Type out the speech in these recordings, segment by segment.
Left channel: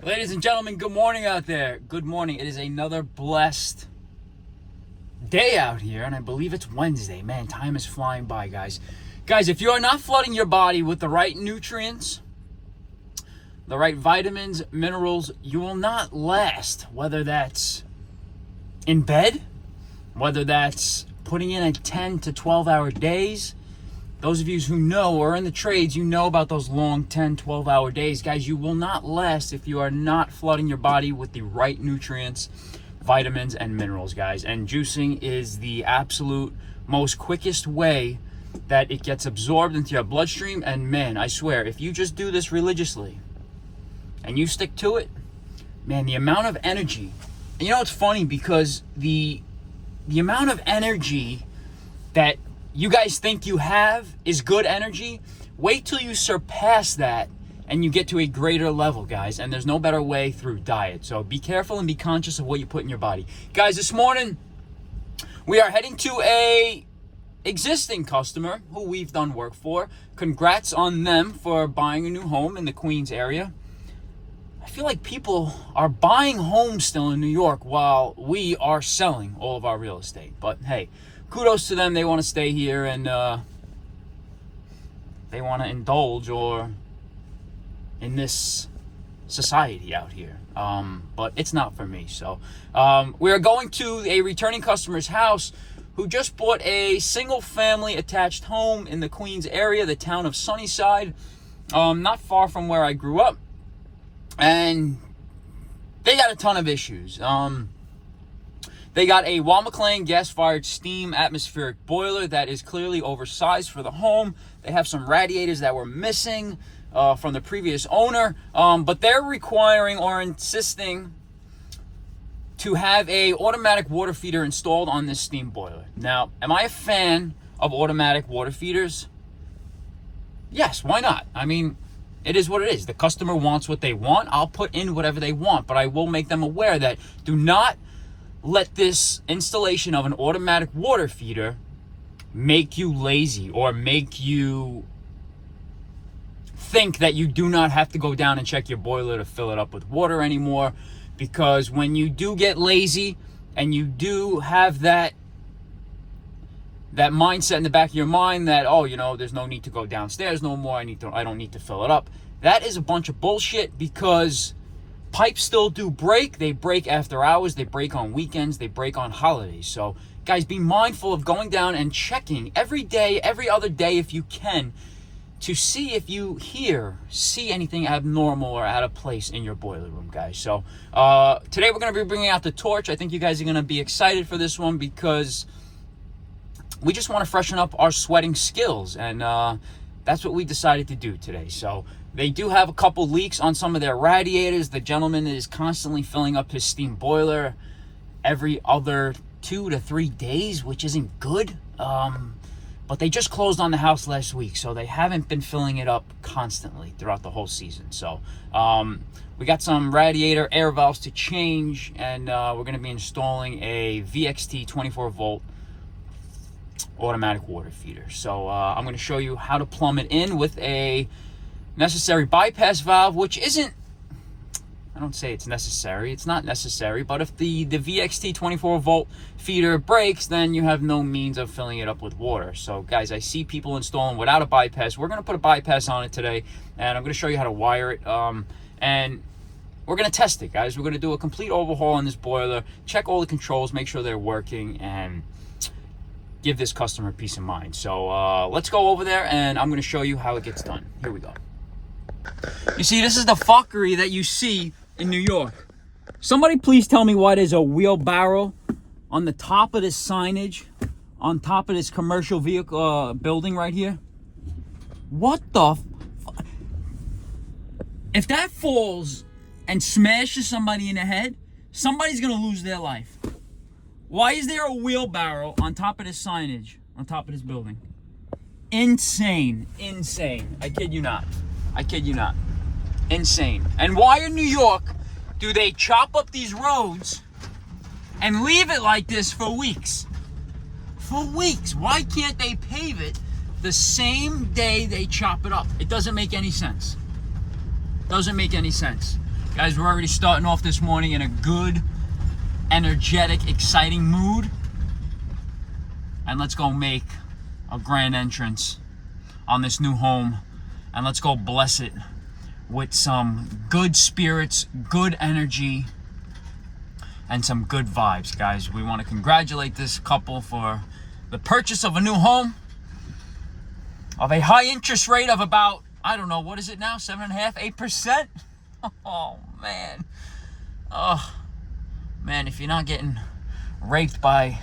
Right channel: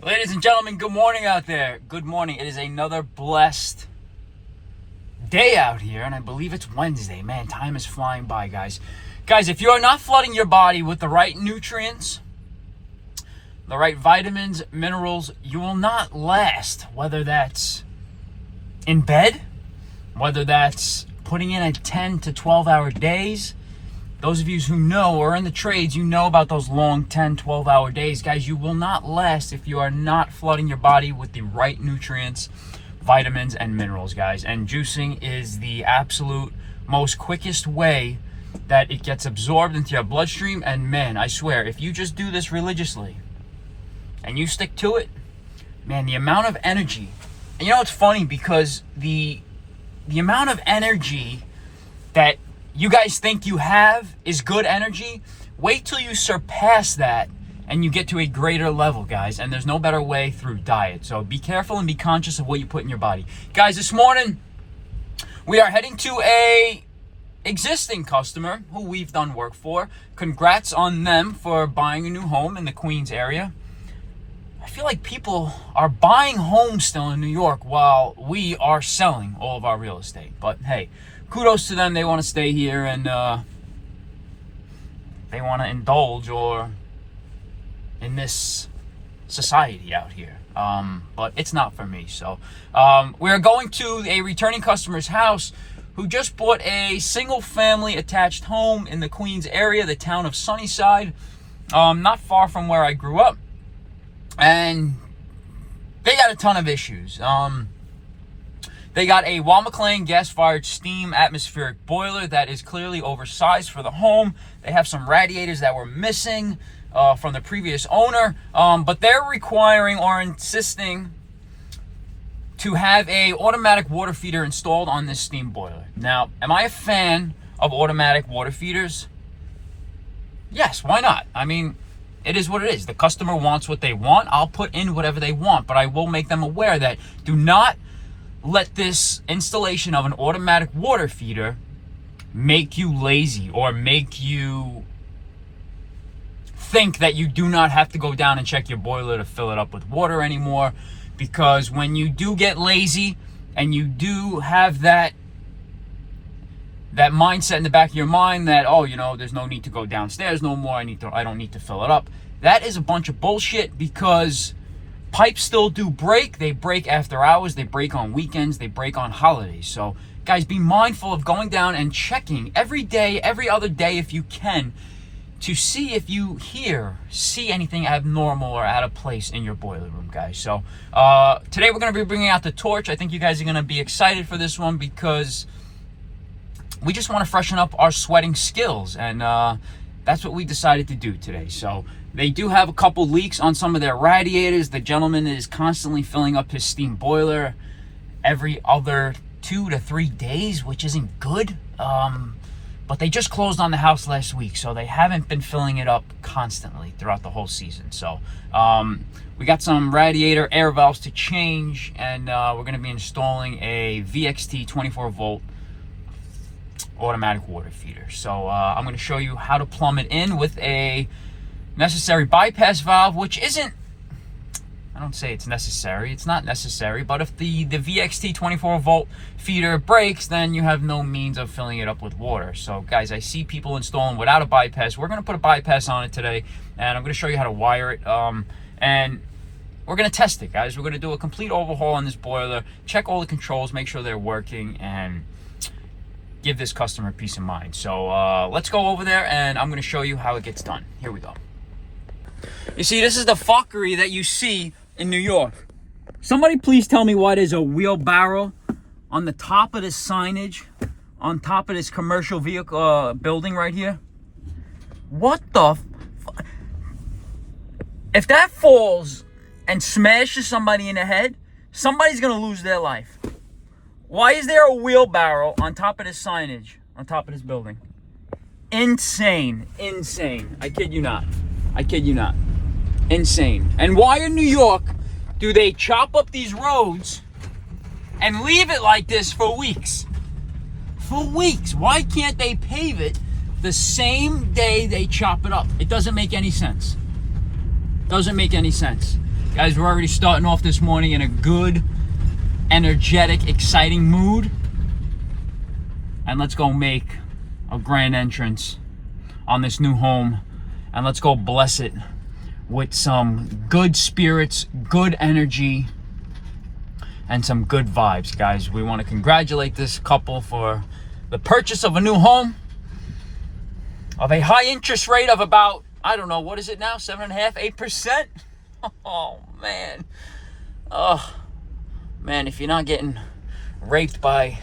Ladies and gentlemen, good morning out there. Good morning. It is another blessed day out here, and I believe it's Wednesday. Man, time is flying by, guys. Guys, if you are not flooding your body with the right nutrients, the right vitamins, minerals, you will not last. Whether that's in bed, whether that's putting in a 10 to 12-hour days. Those of you who know or are in the trades, you know about those long 10, 12-hour days. Guys, you will not last if you are not flooding your body with the right nutrients, vitamins, and minerals, guys. And juicing is the absolute most quickest way that it gets absorbed into your bloodstream. And man, I swear, if you just do this religiously and you stick to it, man, the amount of energy. And you know, it's funny because the amount of energy that you guys think you have is good energy. Wait till you surpass that and you get to a greater level, guys. And there's no better way through diet. So be careful and be conscious of what you put in your body. Guys, this morning we are heading to a existing customer who we've done work for. Congrats on them for buying a new home in the Queens area. I feel like people are buying homes still in New York while we are selling all of our real estate. But hey, kudos to them. They want to stay here and they want to indulge or in this society out here. But it's not for me. So we're going to a returning customer's house who just bought a single family attached home in the Queens area, the town of Sunnyside, not far from where I grew up. And they got a ton of issues. They got a Walmaclean gas-fired steam atmospheric boiler that is clearly oversized for the home. They have some radiators that were missing from the previous owner, but they're requiring or insisting to have a automatic water feeder installed on this steam boiler. Now, am I a fan of automatic water feeders? Yes, why not? I mean, it is what it is. The customer wants what they want. I'll put in whatever they want, but I will make them aware that do not let this installation of an automatic water feeder make you lazy or make you think that you do not have to go down and check your boiler to fill it up with water anymore. Because when you do get lazy and you do have that mindset in the back of your mind that, oh, you know, there's no need to go downstairs no more. I don't need to fill it up. That is a bunch of bullshit because pipes still do break. They break after hours. They break on weekends. They break on holidays. So, guys, be mindful of going down and checking every day, every other day if you can, to see if you see anything abnormal or out of place in your boiler room, guys. So, today we're going to be bringing out the torch. I think you guys are going to be excited for this one because we just want to freshen up our sweating skills. And that's what we decided to do today. So, they do have a couple leaks on some of their radiators. The gentleman is constantly filling up his steam boiler every other 2 to 3 days, which isn't good. But they just closed on the house last week, so they haven't been filling it up constantly throughout the whole season. So we got some radiator air valves to change, and we're going to be installing a VXT 24-volt automatic water feeder. So I'm going to show you how to plumb it in with a necessary bypass valve, which isn't, I don't say it's necessary, it's not necessary, but if the VXT 24-volt feeder breaks, then you have no means of filling it up with water. So guys, I see people installing without a bypass. We're going to put a bypass on it today, and I'm going to show you how to wire it, and we're going to test it, guys. We're going to do a complete overhaul on this boiler, check all the controls, make sure they're working, and give this customer peace of mind. So let's go over there, and I'm going to show you how it gets done. Here we go. You see, this is the fuckery that you see in New York. Somebody please tell me why there's a wheelbarrow on the top of this signage, on top of this commercial vehicle building right here. What the if that falls and smashes somebody in the head, somebody's gonna lose their life. Why is there a wheelbarrow on top of this signage, on top of this building? Insane. I kid you not. Insane. And why in New York do they chop up these roads and leave it like this for weeks? For weeks. Why can't they pave it the same day they chop it up? It doesn't make any sense. Doesn't make any sense. Guys, we're already starting off this morning in a good, energetic, exciting mood. And let's go make a grand entrance on this new home. And let's go bless it with some good spirits, good energy, and some good vibes, guys. We want to congratulate this couple for the purchase of a new home of a high interest rate of about, I don't know, what is it now? 7.5%, 8%? Oh, man. Oh, man, if you're not getting raped by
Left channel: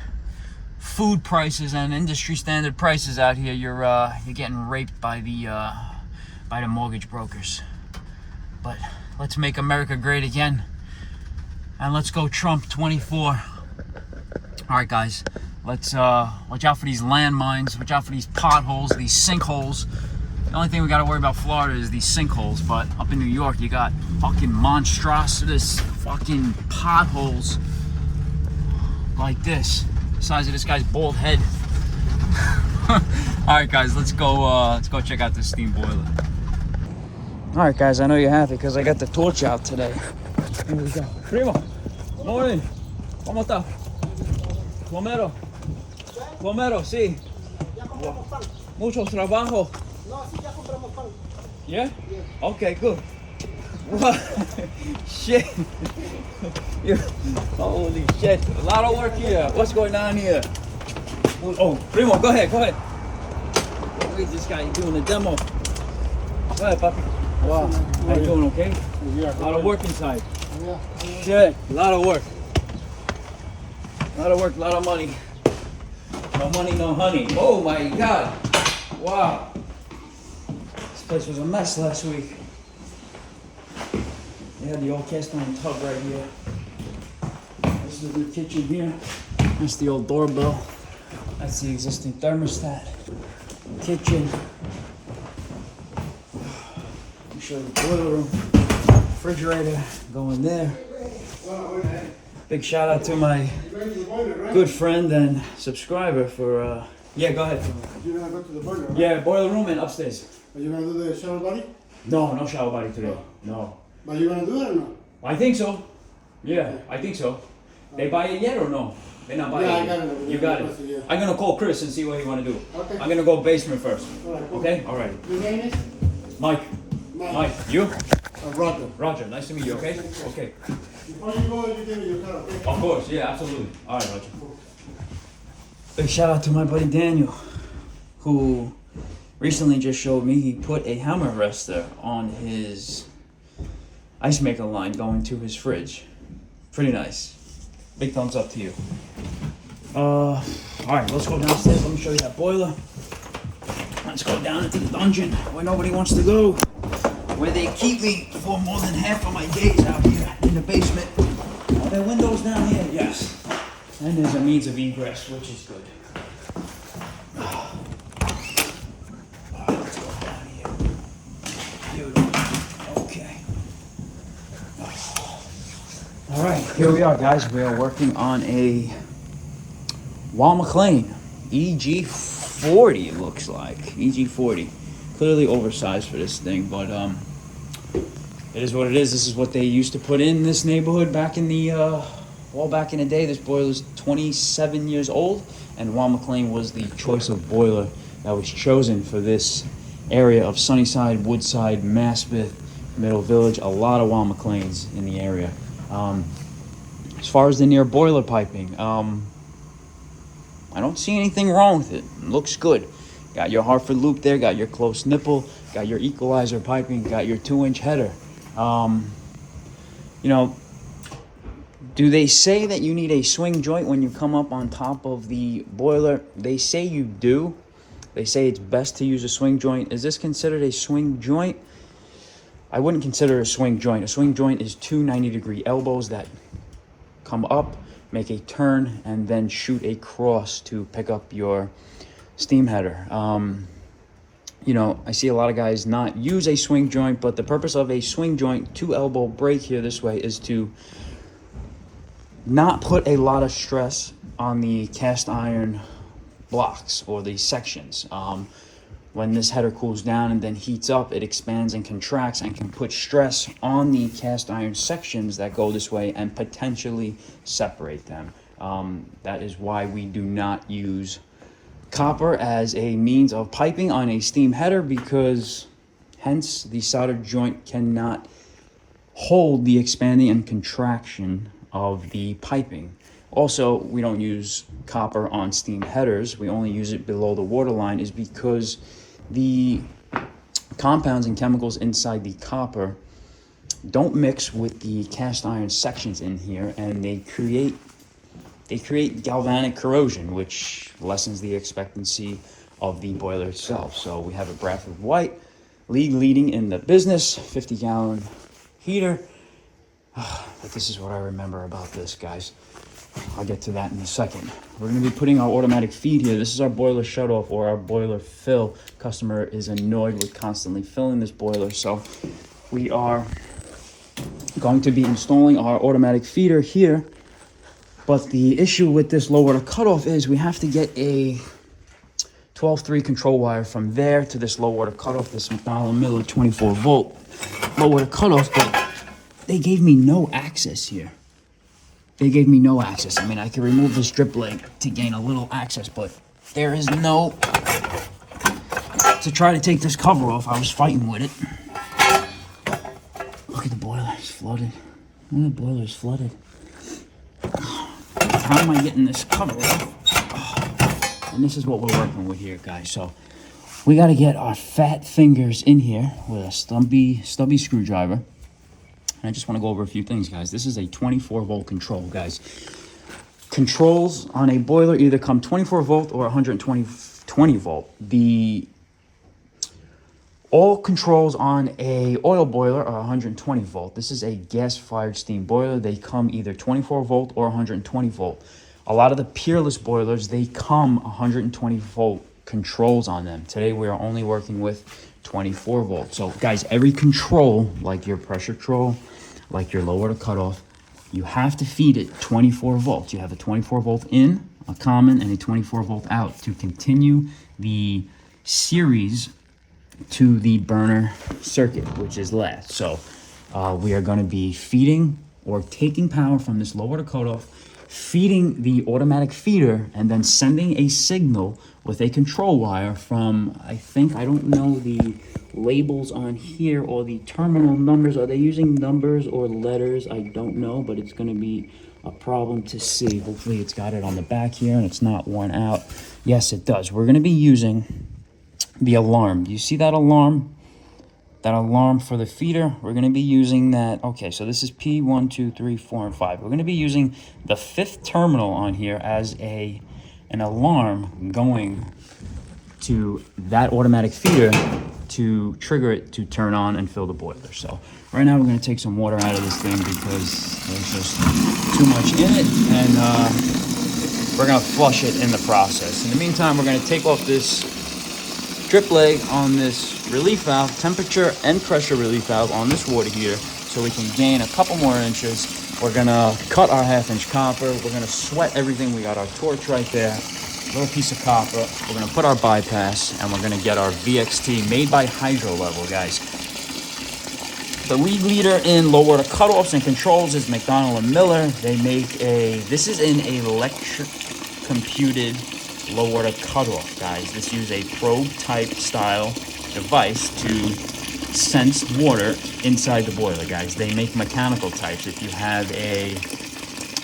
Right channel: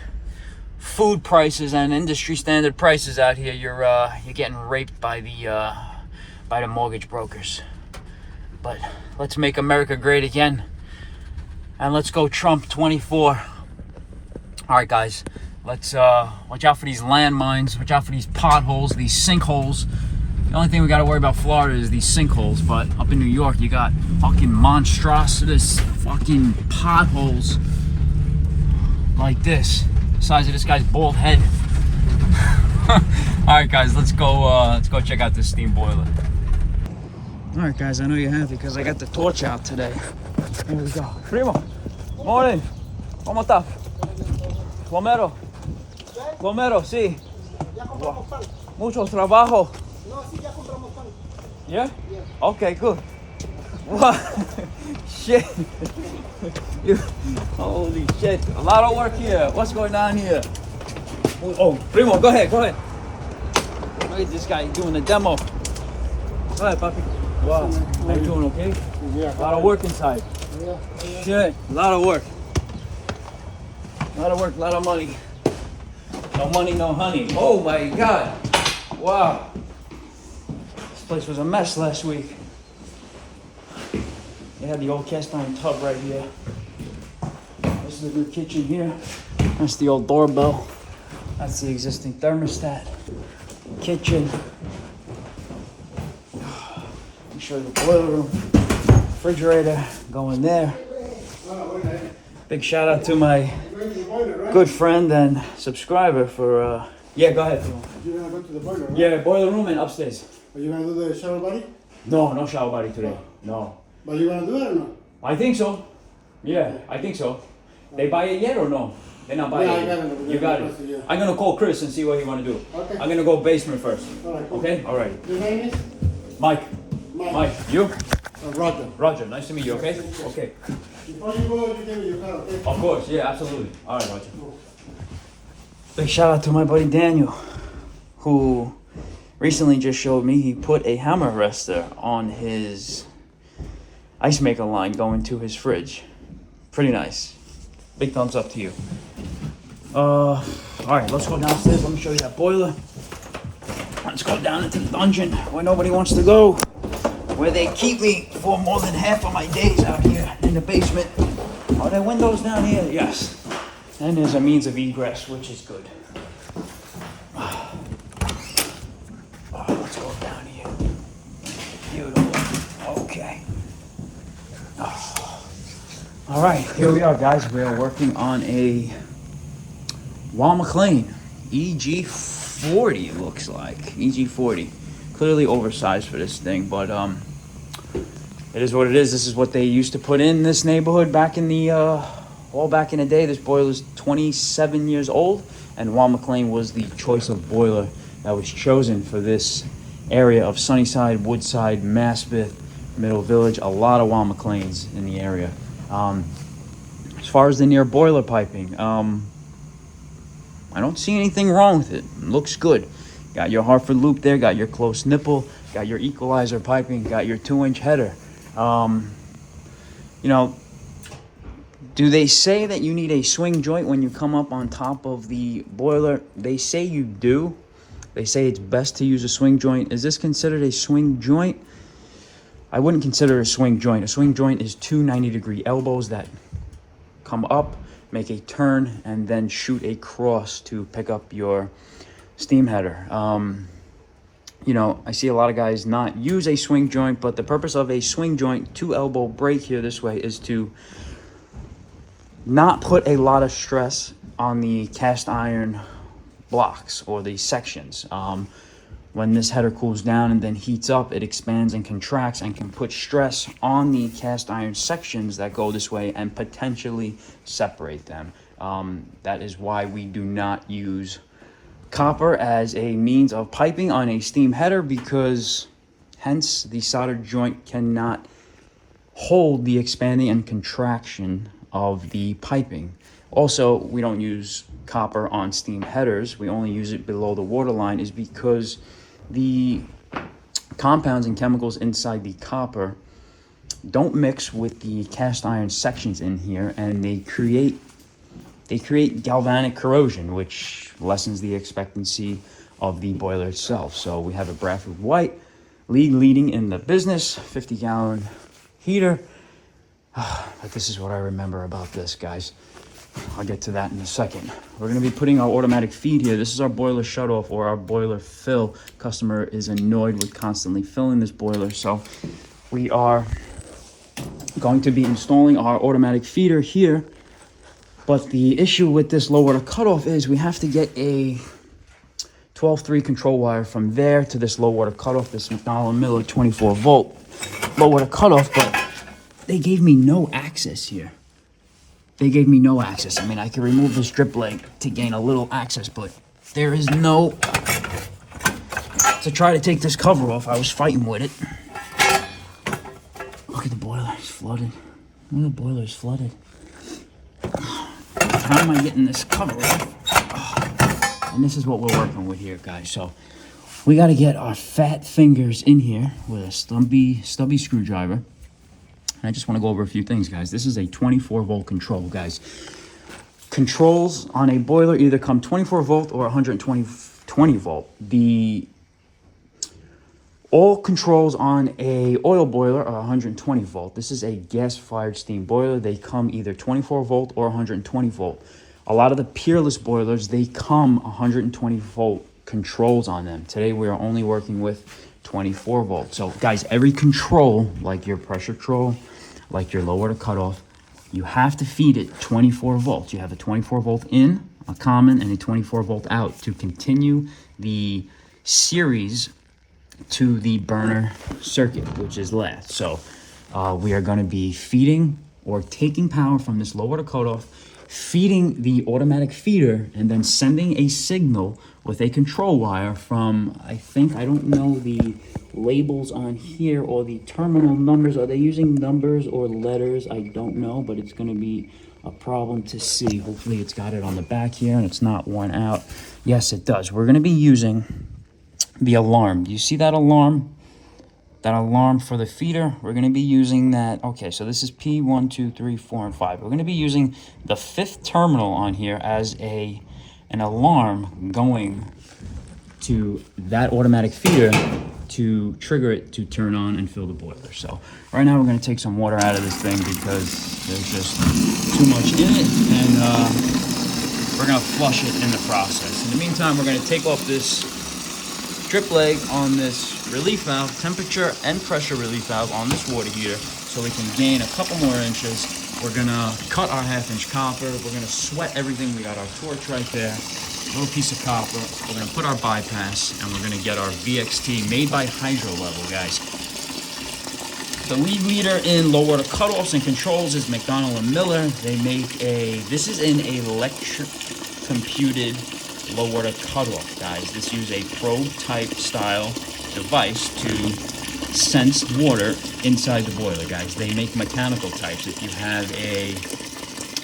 food prices and industry standard prices out here, you're getting raped by the mortgage brokers. But let's make America great again. And let's go Trump 24. All right, guys. Let's watch out for these landmines. Watch out for these potholes, these sinkholes. The only thing we got to worry about Florida is these sinkholes. But up in New York, you got fucking monstrous fucking potholes like this. The size of this guy's bald head. All right, guys. Let's go check out this steam boiler. All right, guys. I know you're happy because I got the torch out today. Here we go. Primo, morning. ¿Cómo está? Plomero. Plomero, sí. Mucho trabajo. No, sí, ya compramos pan. Yeah? Okay, good. What? Shit. Holy shit. A lot of work here. What's going on here? Oh, Primo, go ahead. Look at this guy doing the demo. Go ahead, puppy. Wow. How you doing, okay? Yeah. A lot of work inside. Yeah. Shit, a lot of work. A lot of work, a lot of money. No money, no honey. Oh my God. Wow. This place was a mess last week. They had the old cast iron tub right here. This is the new kitchen here. That's the old doorbell. That's the existing thermostat. Kitchen. Let me show you the boiler room. Refrigerator going there. Big shout out to my good friend and subscriber for yeah, go ahead. You're gonna go to the boiler, right? Yeah, boiler room and upstairs. Are you gonna do the shower body? No shower body today. No. But you gonna do it or not? I think so. Yeah, I think so. They buy it yet or no? They're not buying it. I got it. You got it. Yeah. I'm gonna call Chris and see what he wanna do. Okay. I'm gonna go basement first. All right, cool. Okay? Alright. Your name is? Mike. You? Roger. Roger, nice to meet you, okay? Okay. Before you go, you give me your card, okay? Of course, yeah, absolutely. Alright, Roger. Big shout out to my buddy Daniel, who recently just showed me he put a hammer rester on his ice maker line going to his fridge. Pretty nice. Big thumbs up to you. Alright, let's go downstairs. Let me show you that boiler. Let's go down into the dungeon where nobody wants to go. Where they keep me for more than half of my days out here in the basement. Are there windows down here? Yes. And there's a means of egress, which is good. Let's go down here. Here we go. Okay. All right, here we are, guys. We are working on a Wal McLean EG40, looks like. EG40. Clearly oversized for this thing, but it is what it is. This is what they used to put in this neighborhood back in the back in the day. This boiler is 27 years old, and Wal McLean was the choice of boiler that was chosen for this area of Sunnyside, Woodside, Maspeth, Middle Village. A lot of Wal McLeans in the area. As far as the near boiler piping, I don't see anything wrong with it. It looks good. Got your Hartford loop there, got your close nipple, got your equalizer piping, got your 2-inch header. You know, do they say that you need a swing joint when you come up on top of the boiler? They say you do. They say it's best to use a swing joint. Is this considered a swing joint? I wouldn't consider a swing joint. A swing joint is two 90-degree elbows that come up, make a turn, and then shoot a cross to pick up your steam header. You know, I see a lot of guys not use a swing joint, but the purpose of a swing joint 2-elbow break here this way is to not put a lot of stress on the cast iron blocks or the sections. when this header cools down and then heats up, it expands and contracts and can put stress on the cast iron sections that go this way and potentially separate them. That is why we do not use copper as a means of piping on a steam header, because hence the solder joint cannot hold the expanding and contraction of the piping. Also, we don't use copper on steam headers. We only use it below the waterline, is because the compounds and chemicals inside the copper don't mix with the cast iron sections in here, and they create galvanic corrosion, which lessens the expectancy of the boiler itself. So we have a Bradford White, leading in the business, 50-gallon heater. But this is what I remember about this, guys. I'll get to that in a second. We're going to be putting our automatic feed here. This is our boiler shutoff, or our boiler fill. Customer is annoyed with constantly filling this boiler, so we are going to be installing our automatic feeder here. But the issue with this low water cutoff is we have to get a 12-3 control wire from there to this low water cutoff, this McDonald Miller 24-volt low water cutoff, but they gave me no access here. They gave me no access. I mean, I can remove this drip leg to gain a little access, but there is no... To try to take this cover off, I was fighting with it. Look at the boiler, it's flooded. Look at the boiler, it's flooded. How am I getting this cover off? And this is what we're working with here, guys. So we got to get our fat fingers in here with a stubby screwdriver. I just want to go over a few things, guys. This is a 24-volt control, guys. Controls on a boiler either come 24-volt or 120-volt. All controls on a oil boiler are 120-volt. This is a gas-fired steam boiler. They come either 24-volt or 120-volt. A lot of the Peerless boilers, they come 120-volt controls on them. Today, we're only working with 24-volt. So, guys, every control, like your pressure control, like your low water cutoff, you have to feed it 24 volts. You have a 24 volt in, a common, and a 24 volt out to continue the series to the burner circuit, which is last. So we are going to be feeding or taking power from this low water cutoff, feeding the automatic feeder, and then sending a signal with a control wire from, I don't know the labels on here or the terminal numbers. Are they using numbers or letters? I don't know, but it's going to be a problem to see. Hopefully it's got it on the back here and it's not worn out. Yes, it does. We're going to be using the alarm. Do you see that alarm? That alarm for the feeder? We're going to be using that. Okay, so this is P1, 2, 3, 4, and 5. We're going to be using the 5th terminal on here as an alarm going to that automatic feeder to trigger it to turn on and fill the boiler. So right now we're going to take some water out of this thing because there's just too much in it, and we're going to flush it in the process. In the meantime, we're going to take off this drip leg on this relief valve, temperature and pressure relief valve on this water heater, so we can gain a couple more inches. We're gonna cut our 1/2-inch copper. We're gonna sweat everything. We got our torch right there, little piece of copper. We're gonna put our bypass, and we're gonna get our VXT made by Hydro Level, guys. The lead leader in low water cutoffs and controls is McDonald & Miller. They make this is an electric computed low water cutoff, guys. This uses a probe type style device to sense water inside the boiler, guys. They make mechanical types. If you have a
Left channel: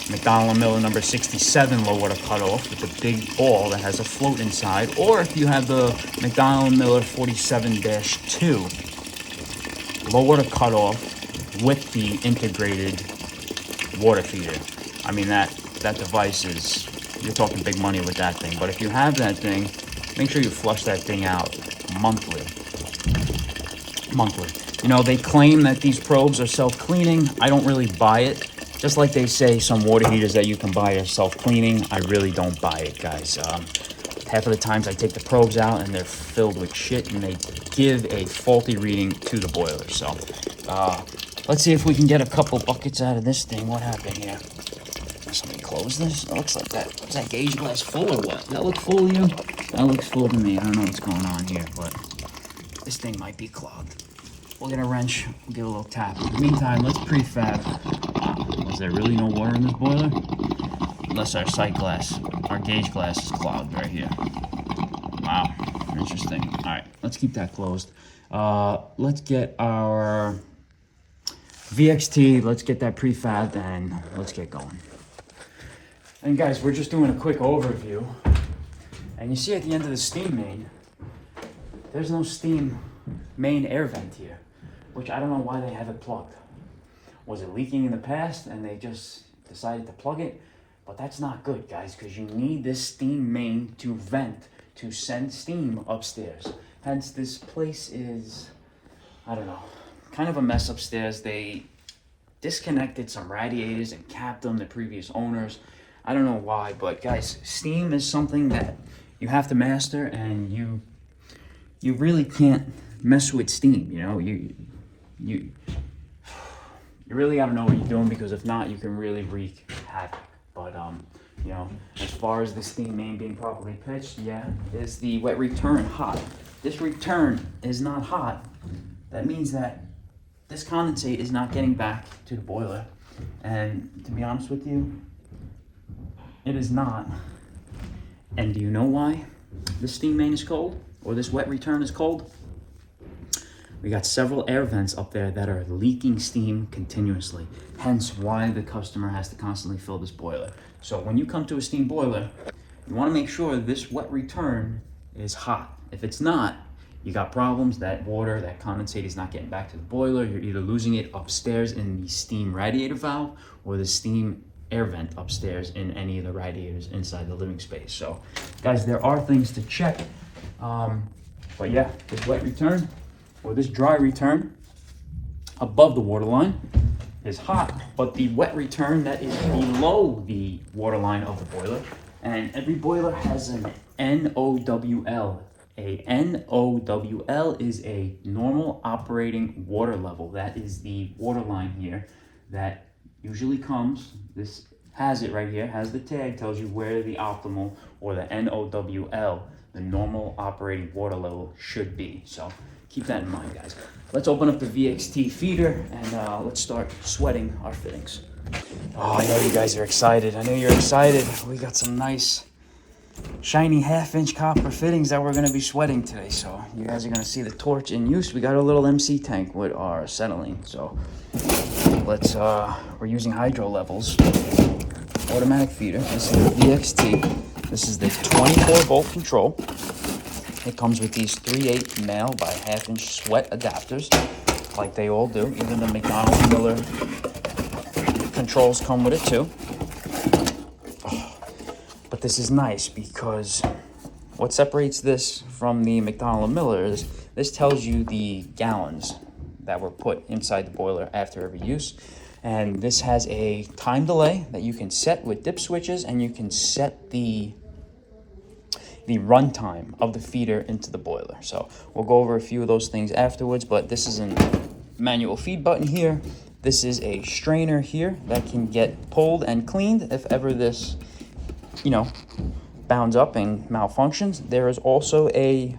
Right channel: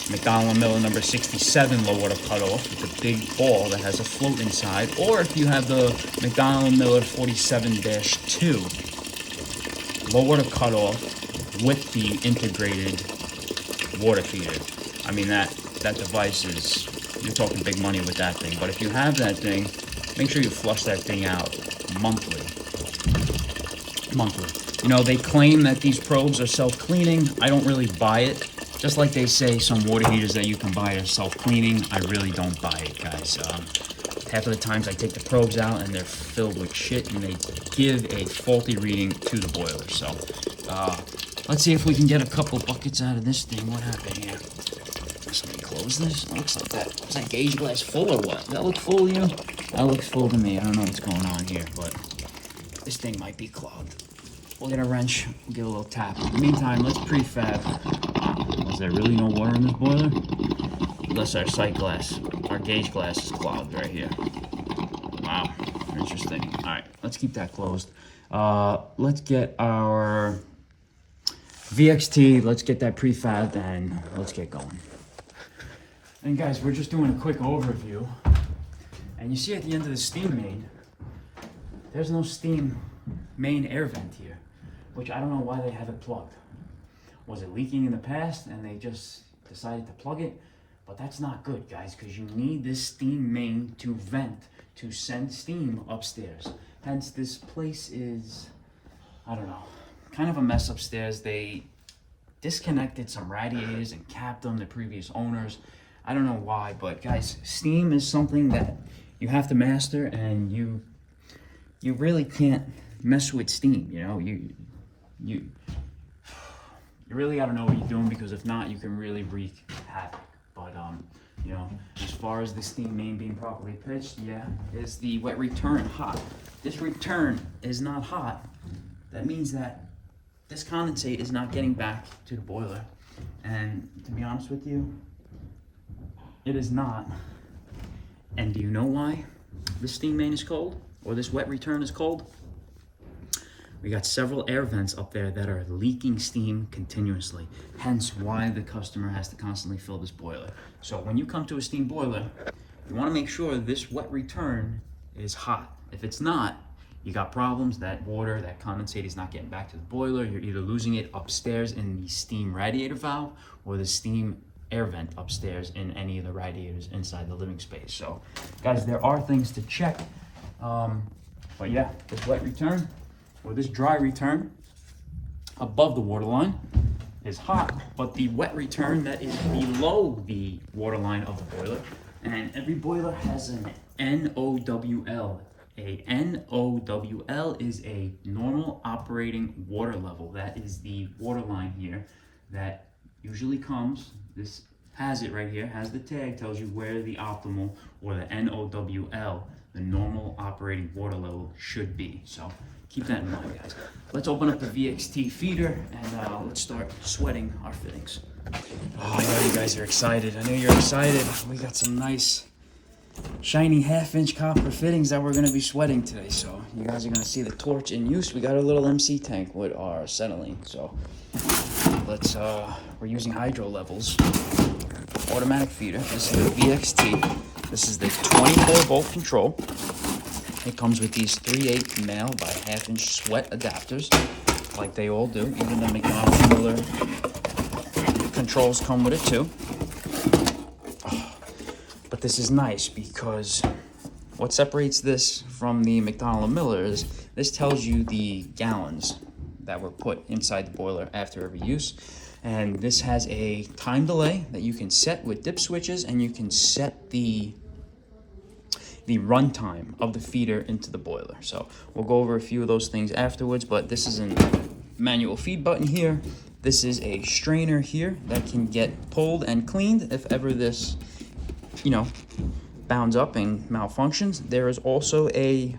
McDonald & Miller number 67 low water cutoff with a big ball that has a float inside, or if you have the McDonald & Miller 47-2 low water cutoff with the integrated water feeder. I mean, that device is, you're talking big money with that thing. But if you have that thing, make sure you flush that thing out monthly. You know, they claim that these probes are self-cleaning. I don't really buy it. Just like they say some water heaters that you can buy are self-cleaning, I really don't buy it, guys. Half of the times I take the probes out and they're filled with shit, and they give a faulty reading to the boiler. So let's see if we can get a couple buckets out of this thing. What happened here? Let me close this. It looks like that. Is that gauge glass full or what? Does that look full, you? That looks full to me. I don't know what's going on here, but this thing might be clogged. We'll get a wrench, we'll give it a little tap. In the meantime, let's prefab. Wow, was there really no water in this boiler? Unless our sight glass, our gauge glass is clogged right here. Wow, interesting. All right, let's keep that closed. Let's get our VXT, let's get that prefabbed, and let's get going. And guys, we're just doing a quick overview. And you see at the end of the steam main, there's no steam main air vent here, which I don't know why they have it plugged. Was it leaking in the past and they just decided to plug it? But that's not good, guys, because you need this steam main to vent, to send steam upstairs. Hence, this place is, I don't know, kind of a mess upstairs. They disconnected some radiators and capped them, the previous owners. I don't know why, but guys, steam is something that you have to master, and you really can't mess with steam. You know, you really got to know what you're doing, because if not, you can really wreak havoc. But you know, as far as the steam main being properly pitched, yeah, is the wet return hot? This return is not hot. That means that this condensate is not getting back to the boiler. And to be honest with you, it is not. And do you know why this steam main is cold, or this wet return is cold? We got several air vents up there that are leaking steam continuously. Hence why the customer has to constantly fill this boiler. So when you come to a steam boiler, you want to make sure this wet return is hot. If it's not, you got problems. That water, that condensate is not getting back to the boiler. You're either losing it upstairs in the steam radiator valve, or the steam air vent upstairs in any of the radiators inside the living space. So guys, there are things to check. But yeah, this wet return, or this dry return above the water line is hot, but the wet return that is below the water line of the boiler, and every boiler has an NOWL. A NOWL is a normal operating water level. That is the water line here that usually comes, this has it right here, has the tag, tells you where the optimal, or the NOWL, the normal operating water level, should be. So keep that in mind, guys. Let's open up the VXT feeder and let's start sweating our fittings. Oh, I know you guys are excited. I know you're excited. We got some nice shiny 1/2-inch copper fittings that we're going to be sweating today. So you guys are going to see the torch in use. We got a little MC tank with our acetylene. So let's, we're using hydro levels. Automatic feeder. This is the VXT. This is the 24-volt control. It comes with these 3/8 male by 1/2-inch sweat adapters, like they all do. Even the McDonald Miller controls come with it too. But this is nice because what separates this from the McDonald Miller is this tells you the gallons that were put inside the boiler after every use. And this has a time delay that you can set with dip switches, and you can set the runtime of the feeder into the boiler. So we'll go over a few of those things afterwards, but this is a manual feed button here. This is a strainer here that can get pulled and cleaned if ever this, you know, bounds up and malfunctions. There is also a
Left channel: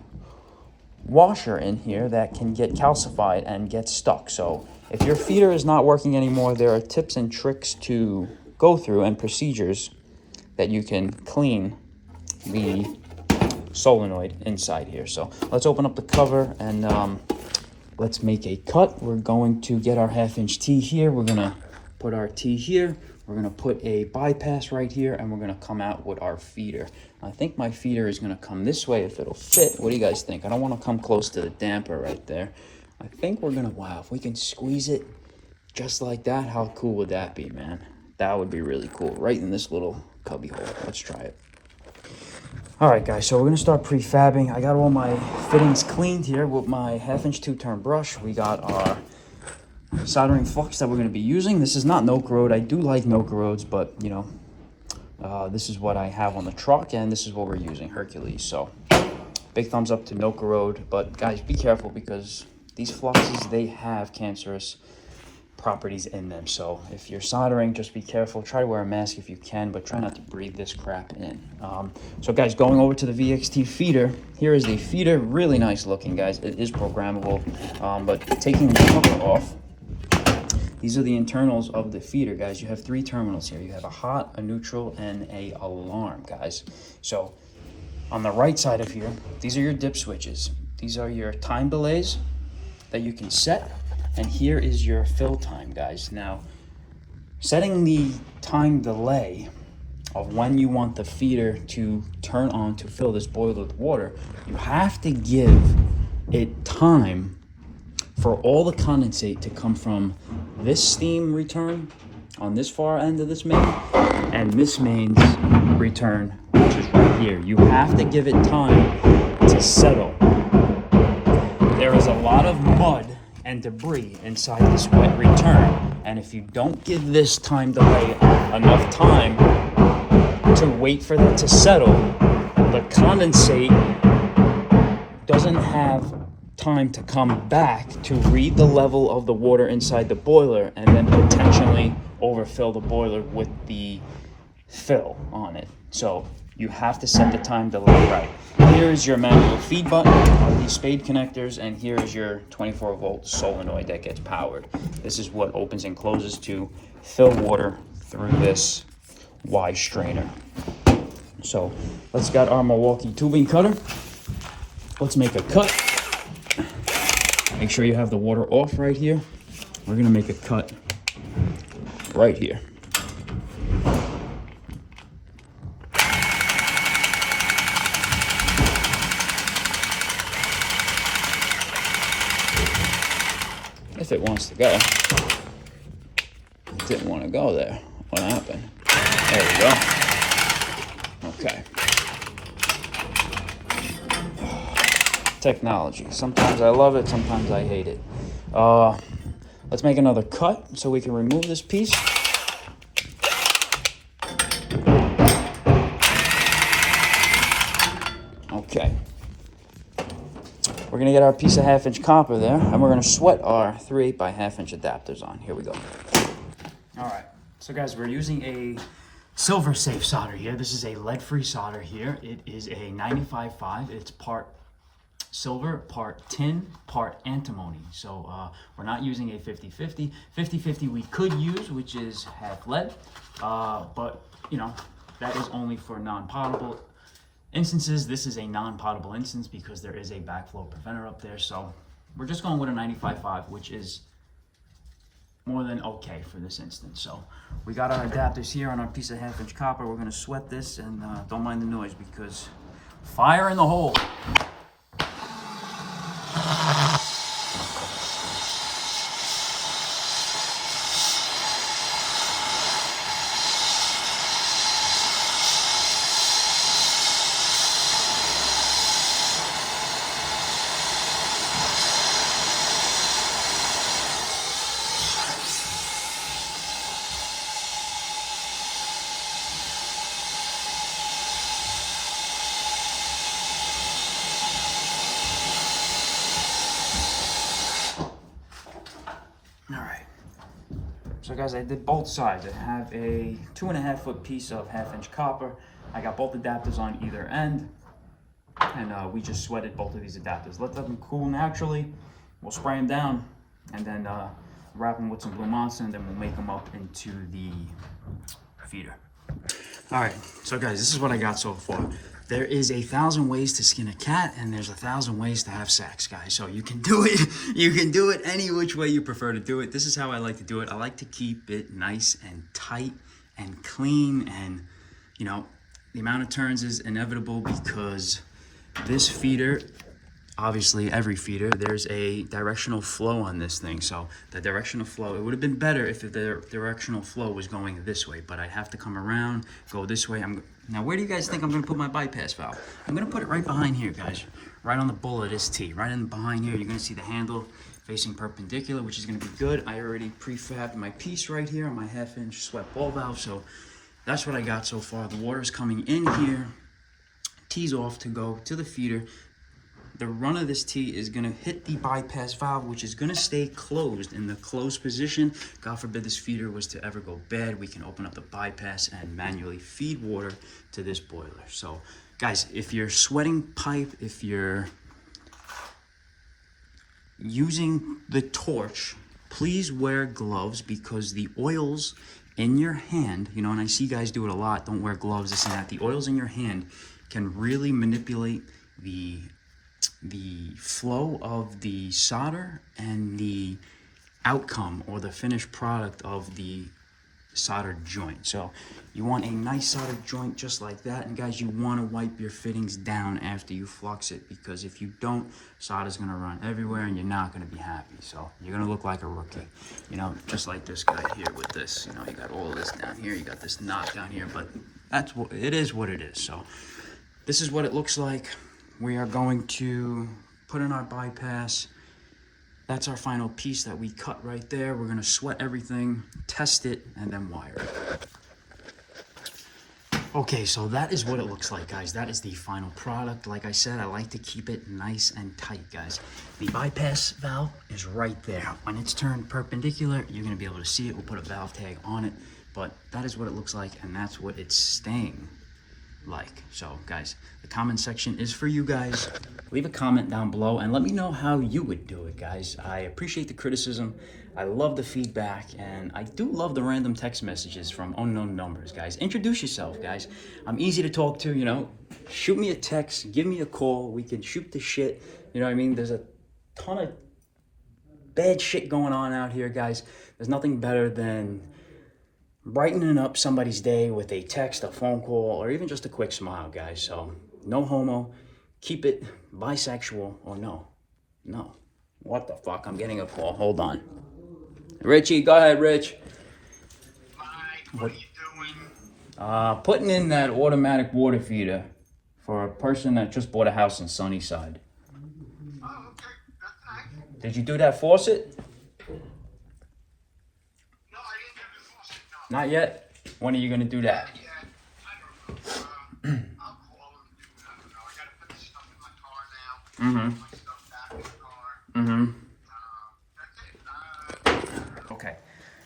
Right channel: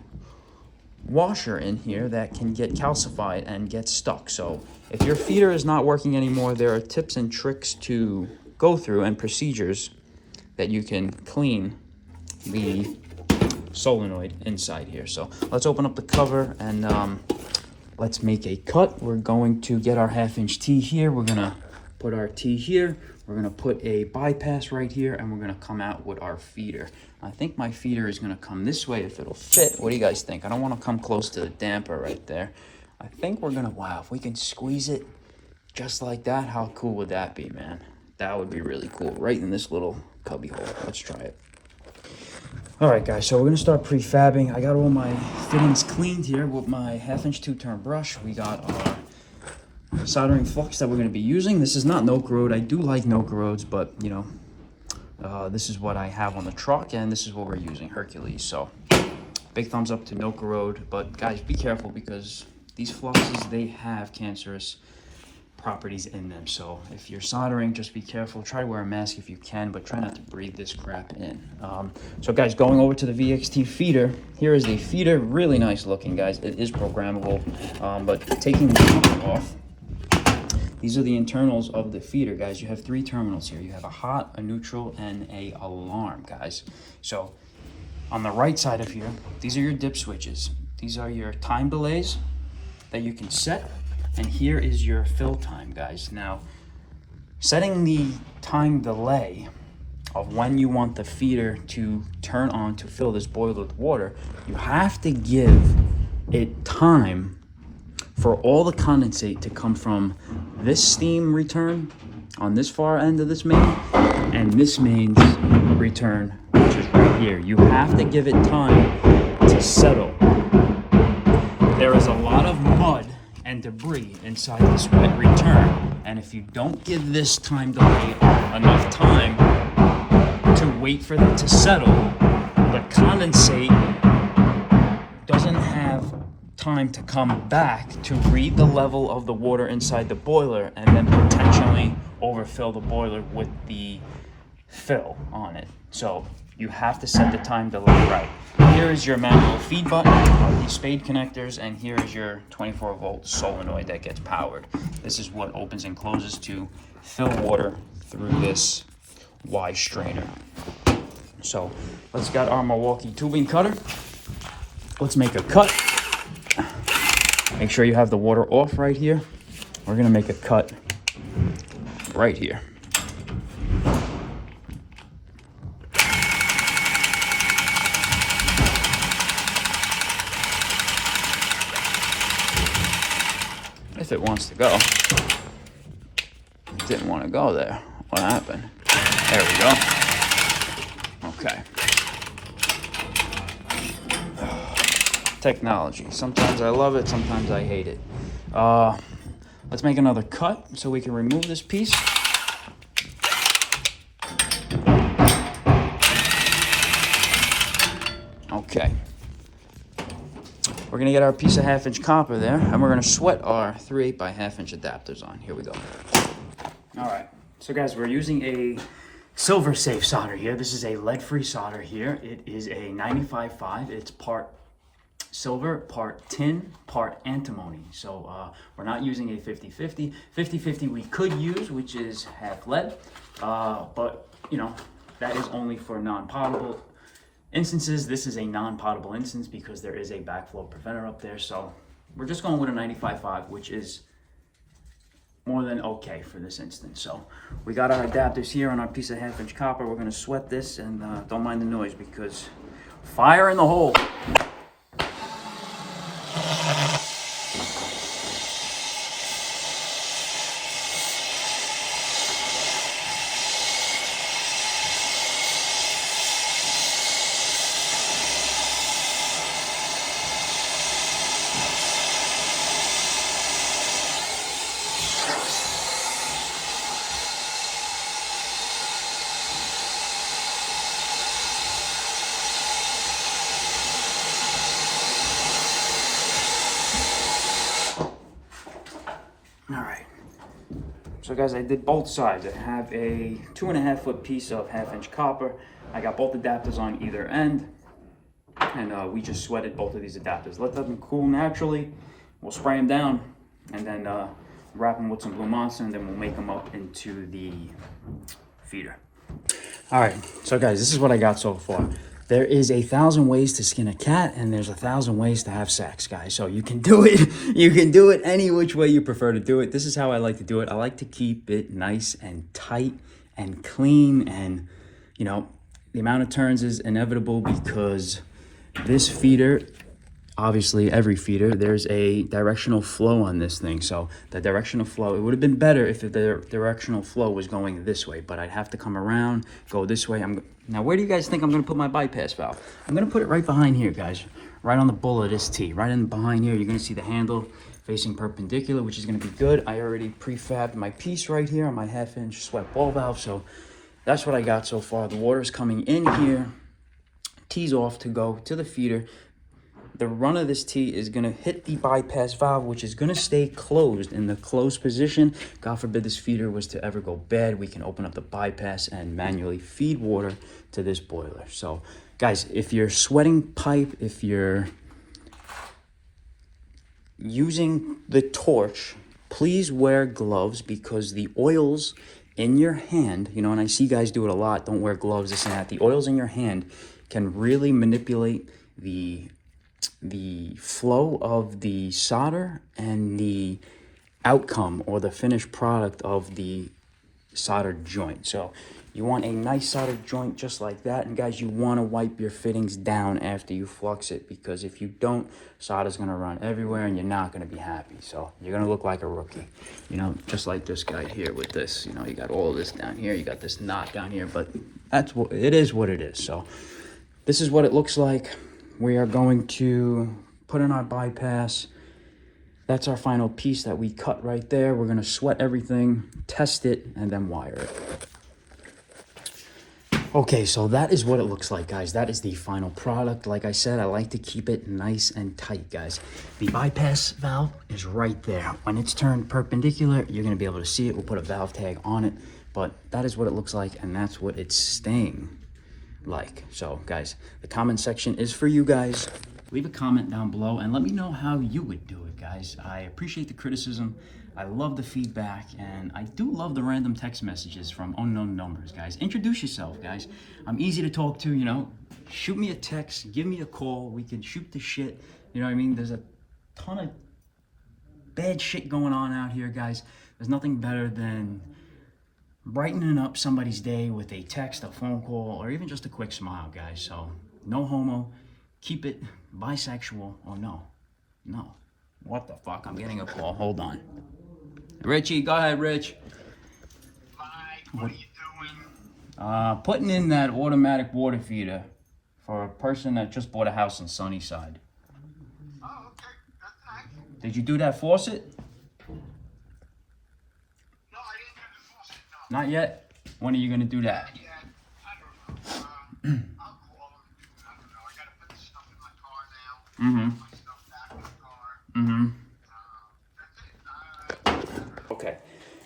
washer in here that can get calcified and get stuck. So if your feeder is not working anymore, there are tips and tricks to go through and procedures that you can clean the solenoid inside here. So let's open up the cover and let's make a cut. We're going to get our 1/2-inch T here. We're gonna put our T here. We're gonna put a bypass right here, and we're gonna come out with our feeder. I think my feeder is gonna come this way if it'll fit. What do you guys think? I don't wanna come close to the damper right there. I think we're gonna, wow, if we can squeeze it just like that, how cool would that be, man? That would be really cool, right in this little cubby hole. Let's try it. All right, guys, so we're gonna start prefabbing. I got all my fittings cleaned here with my 1/2-inch 2-turn brush. We got our soldering flux that we're gonna be using. This is not Noka Road. I do like Noka Roads, but you know, this is what I have on the truck, and this is what we're using, Hercules. So big thumbs up to Noka Road, but guys, be careful because these fluxes, they have cancerous properties in them. So if you're soldering, just be careful. Try to wear a mask if you can, but try not to breathe this crap in. So guys, going over to the VXT feeder, here is the feeder. Really nice looking, guys. It is programmable, but taking the cover off, these are the internals of the feeder, guys. You have 3 terminals here. You have a hot, a neutral, and a alarm, guys. So on the right side of here, these are your dip switches. These are your time delays that you can set. And here is your fill time, guys. Now, setting the time delay of when you want the feeder to turn on to fill this boiler with water, you have to give it time for all the condensate to come from this steam return on this far end of this main and this main's return, which is right here. You have to give it time to settle. There is a lot of mud and debris inside this wet return, and if you don't give this time delay enough time to wait for that to settle, the condensate doesn't have time to come back to read the level of the water inside the boiler and then potentially overfill the boiler with the fill on it. So you have to set the time delay right. Here's your manual feed button of these spade connectors, and here is your 24-volt solenoid that gets powered. This is what opens and closes to fill water through this Y strainer. So let's get our Milwaukee tubing cutter. Let's make a cut. Make sure you have the water off right here. We're gonna make a cut right here. If it wants to go. It didn't want to go there. What happened? There we go. Okay. Technology. Sometimes I love it, sometimes I hate it. Let's make another cut so we can remove this piece. Okay. We're gonna get our piece of 1/2-inch copper there, and we're gonna sweat our 3/8 by 1/2-inch adapters on. Here we go. All right, so guys, we're using a silver safe solder here. This is a lead-free solder here. It is a 95.5. It's part silver, part tin, part antimony. So we're not using a 50-50. 50-50 we could use, which is half lead, but you know, that is only for non-potable instances. This is a non-potable instance because there is a backflow preventer up there. So we're just going with a 95.5, which is more than okay for this instance. So we got our adapters here on our piece of 1/2-inch copper. We're gonna sweat this, and don't mind the noise because fire in the hole. All right, so guys, I did both sides. I have a 2.5-foot piece of 1/2-inch copper. I got both adapters on either end, and we just sweated both of these adapters. Let them cool naturally. We'll spray them down, and then wrap them with some Blue Monster, and then we'll make them up into the feeder. All right, so guys, this is what I got so far. There is 1,000 ways to skin a cat, and there's 1,000 ways to have sex, guys. So you can do it. You can do it any which way you prefer to do it. This is how I like to do it. I like to keep it nice and tight and clean, and you know, the amount of turns is inevitable because this feeder, obviously every feeder, there's a directional flow on this thing. So the directional flow, it would have been better if the directional flow was going this way, but I'd have to come around, go this way. Now, where do you guys think I'm gonna put my bypass valve? I'm gonna put it right behind here, guys, right on the bull of this T. Right in behind here, you're gonna see the handle facing perpendicular, which is gonna be good. I already prefabbed my piece right here on my 1/2-inch sweat ball valve, so that's what I got so far. The water's coming in here, T's off to go to the feeder. the run of this T is going to hit the bypass valve, which is going to stay closed in the closed position. God forbid this feeder was to ever go bad, we can open up the bypass and manually feed water to this boiler. So guys, if you're sweating pipe, if you're using the torch, please wear gloves, because the oils in your hand, you know, and I see guys do it a lot, don't wear gloves, this and that. The oils in your hand can really manipulate the flow of the solder and the outcome or the finished product of the soldered joint. So you want a nice soldered joint just like that. And guys, you want to wipe your fittings down after you flux it, because if you don't, solder's going to run everywhere and you're not going to be happy. So you're going to look like a rookie, you know, just like this guy here with this. You know, you got all of this down here, you got this knot down here, but that's what it is, what it is. So this is what it looks like. We are going to put in our bypass. That's our final piece that we cut right there. We're going to sweat everything, test it, and then wire it. Okay, so that is what it looks like, guys. That is the final product. Like I said, I like to keep it nice and tight, guys. The bypass valve is right there. When it's turned perpendicular, you're going to be able to see it. We'll put a valve tag on it, but that is what it looks like, and that's what it's staying like. So, guys, the comment section is for you guys. Leave a comment down below and let me know how you would do it, guys. I appreciate the criticism. I love the feedback, and I do love the random text messages from unknown numbers, guys. Introduce yourself, guys. I'm easy to talk to, you know. Shoot me a text, give me a call. We can shoot the shit. You know what I mean? There's a ton of bad shit going on out here, guys. There's nothing better than brightening up somebody's day with a text, a phone call, or even just a quick smile, guys. So, no homo. Keep it bisexual, or no. What the fuck? I'm getting a call. Hold on. Richie, go ahead, Rich. Mike, what are you doing? Putting in that automatic water feeder for a person that just bought a house in Sunnyside. Oh, okay. That's nice. Did you do that faucet? No, I didn't get the faucet, no. Not yet? When are you gonna do that? Not yet. I don't know. I'll call him. I don't know. I gotta put the stuff in my car now. Put my stuff back in the car. That's it. Okay.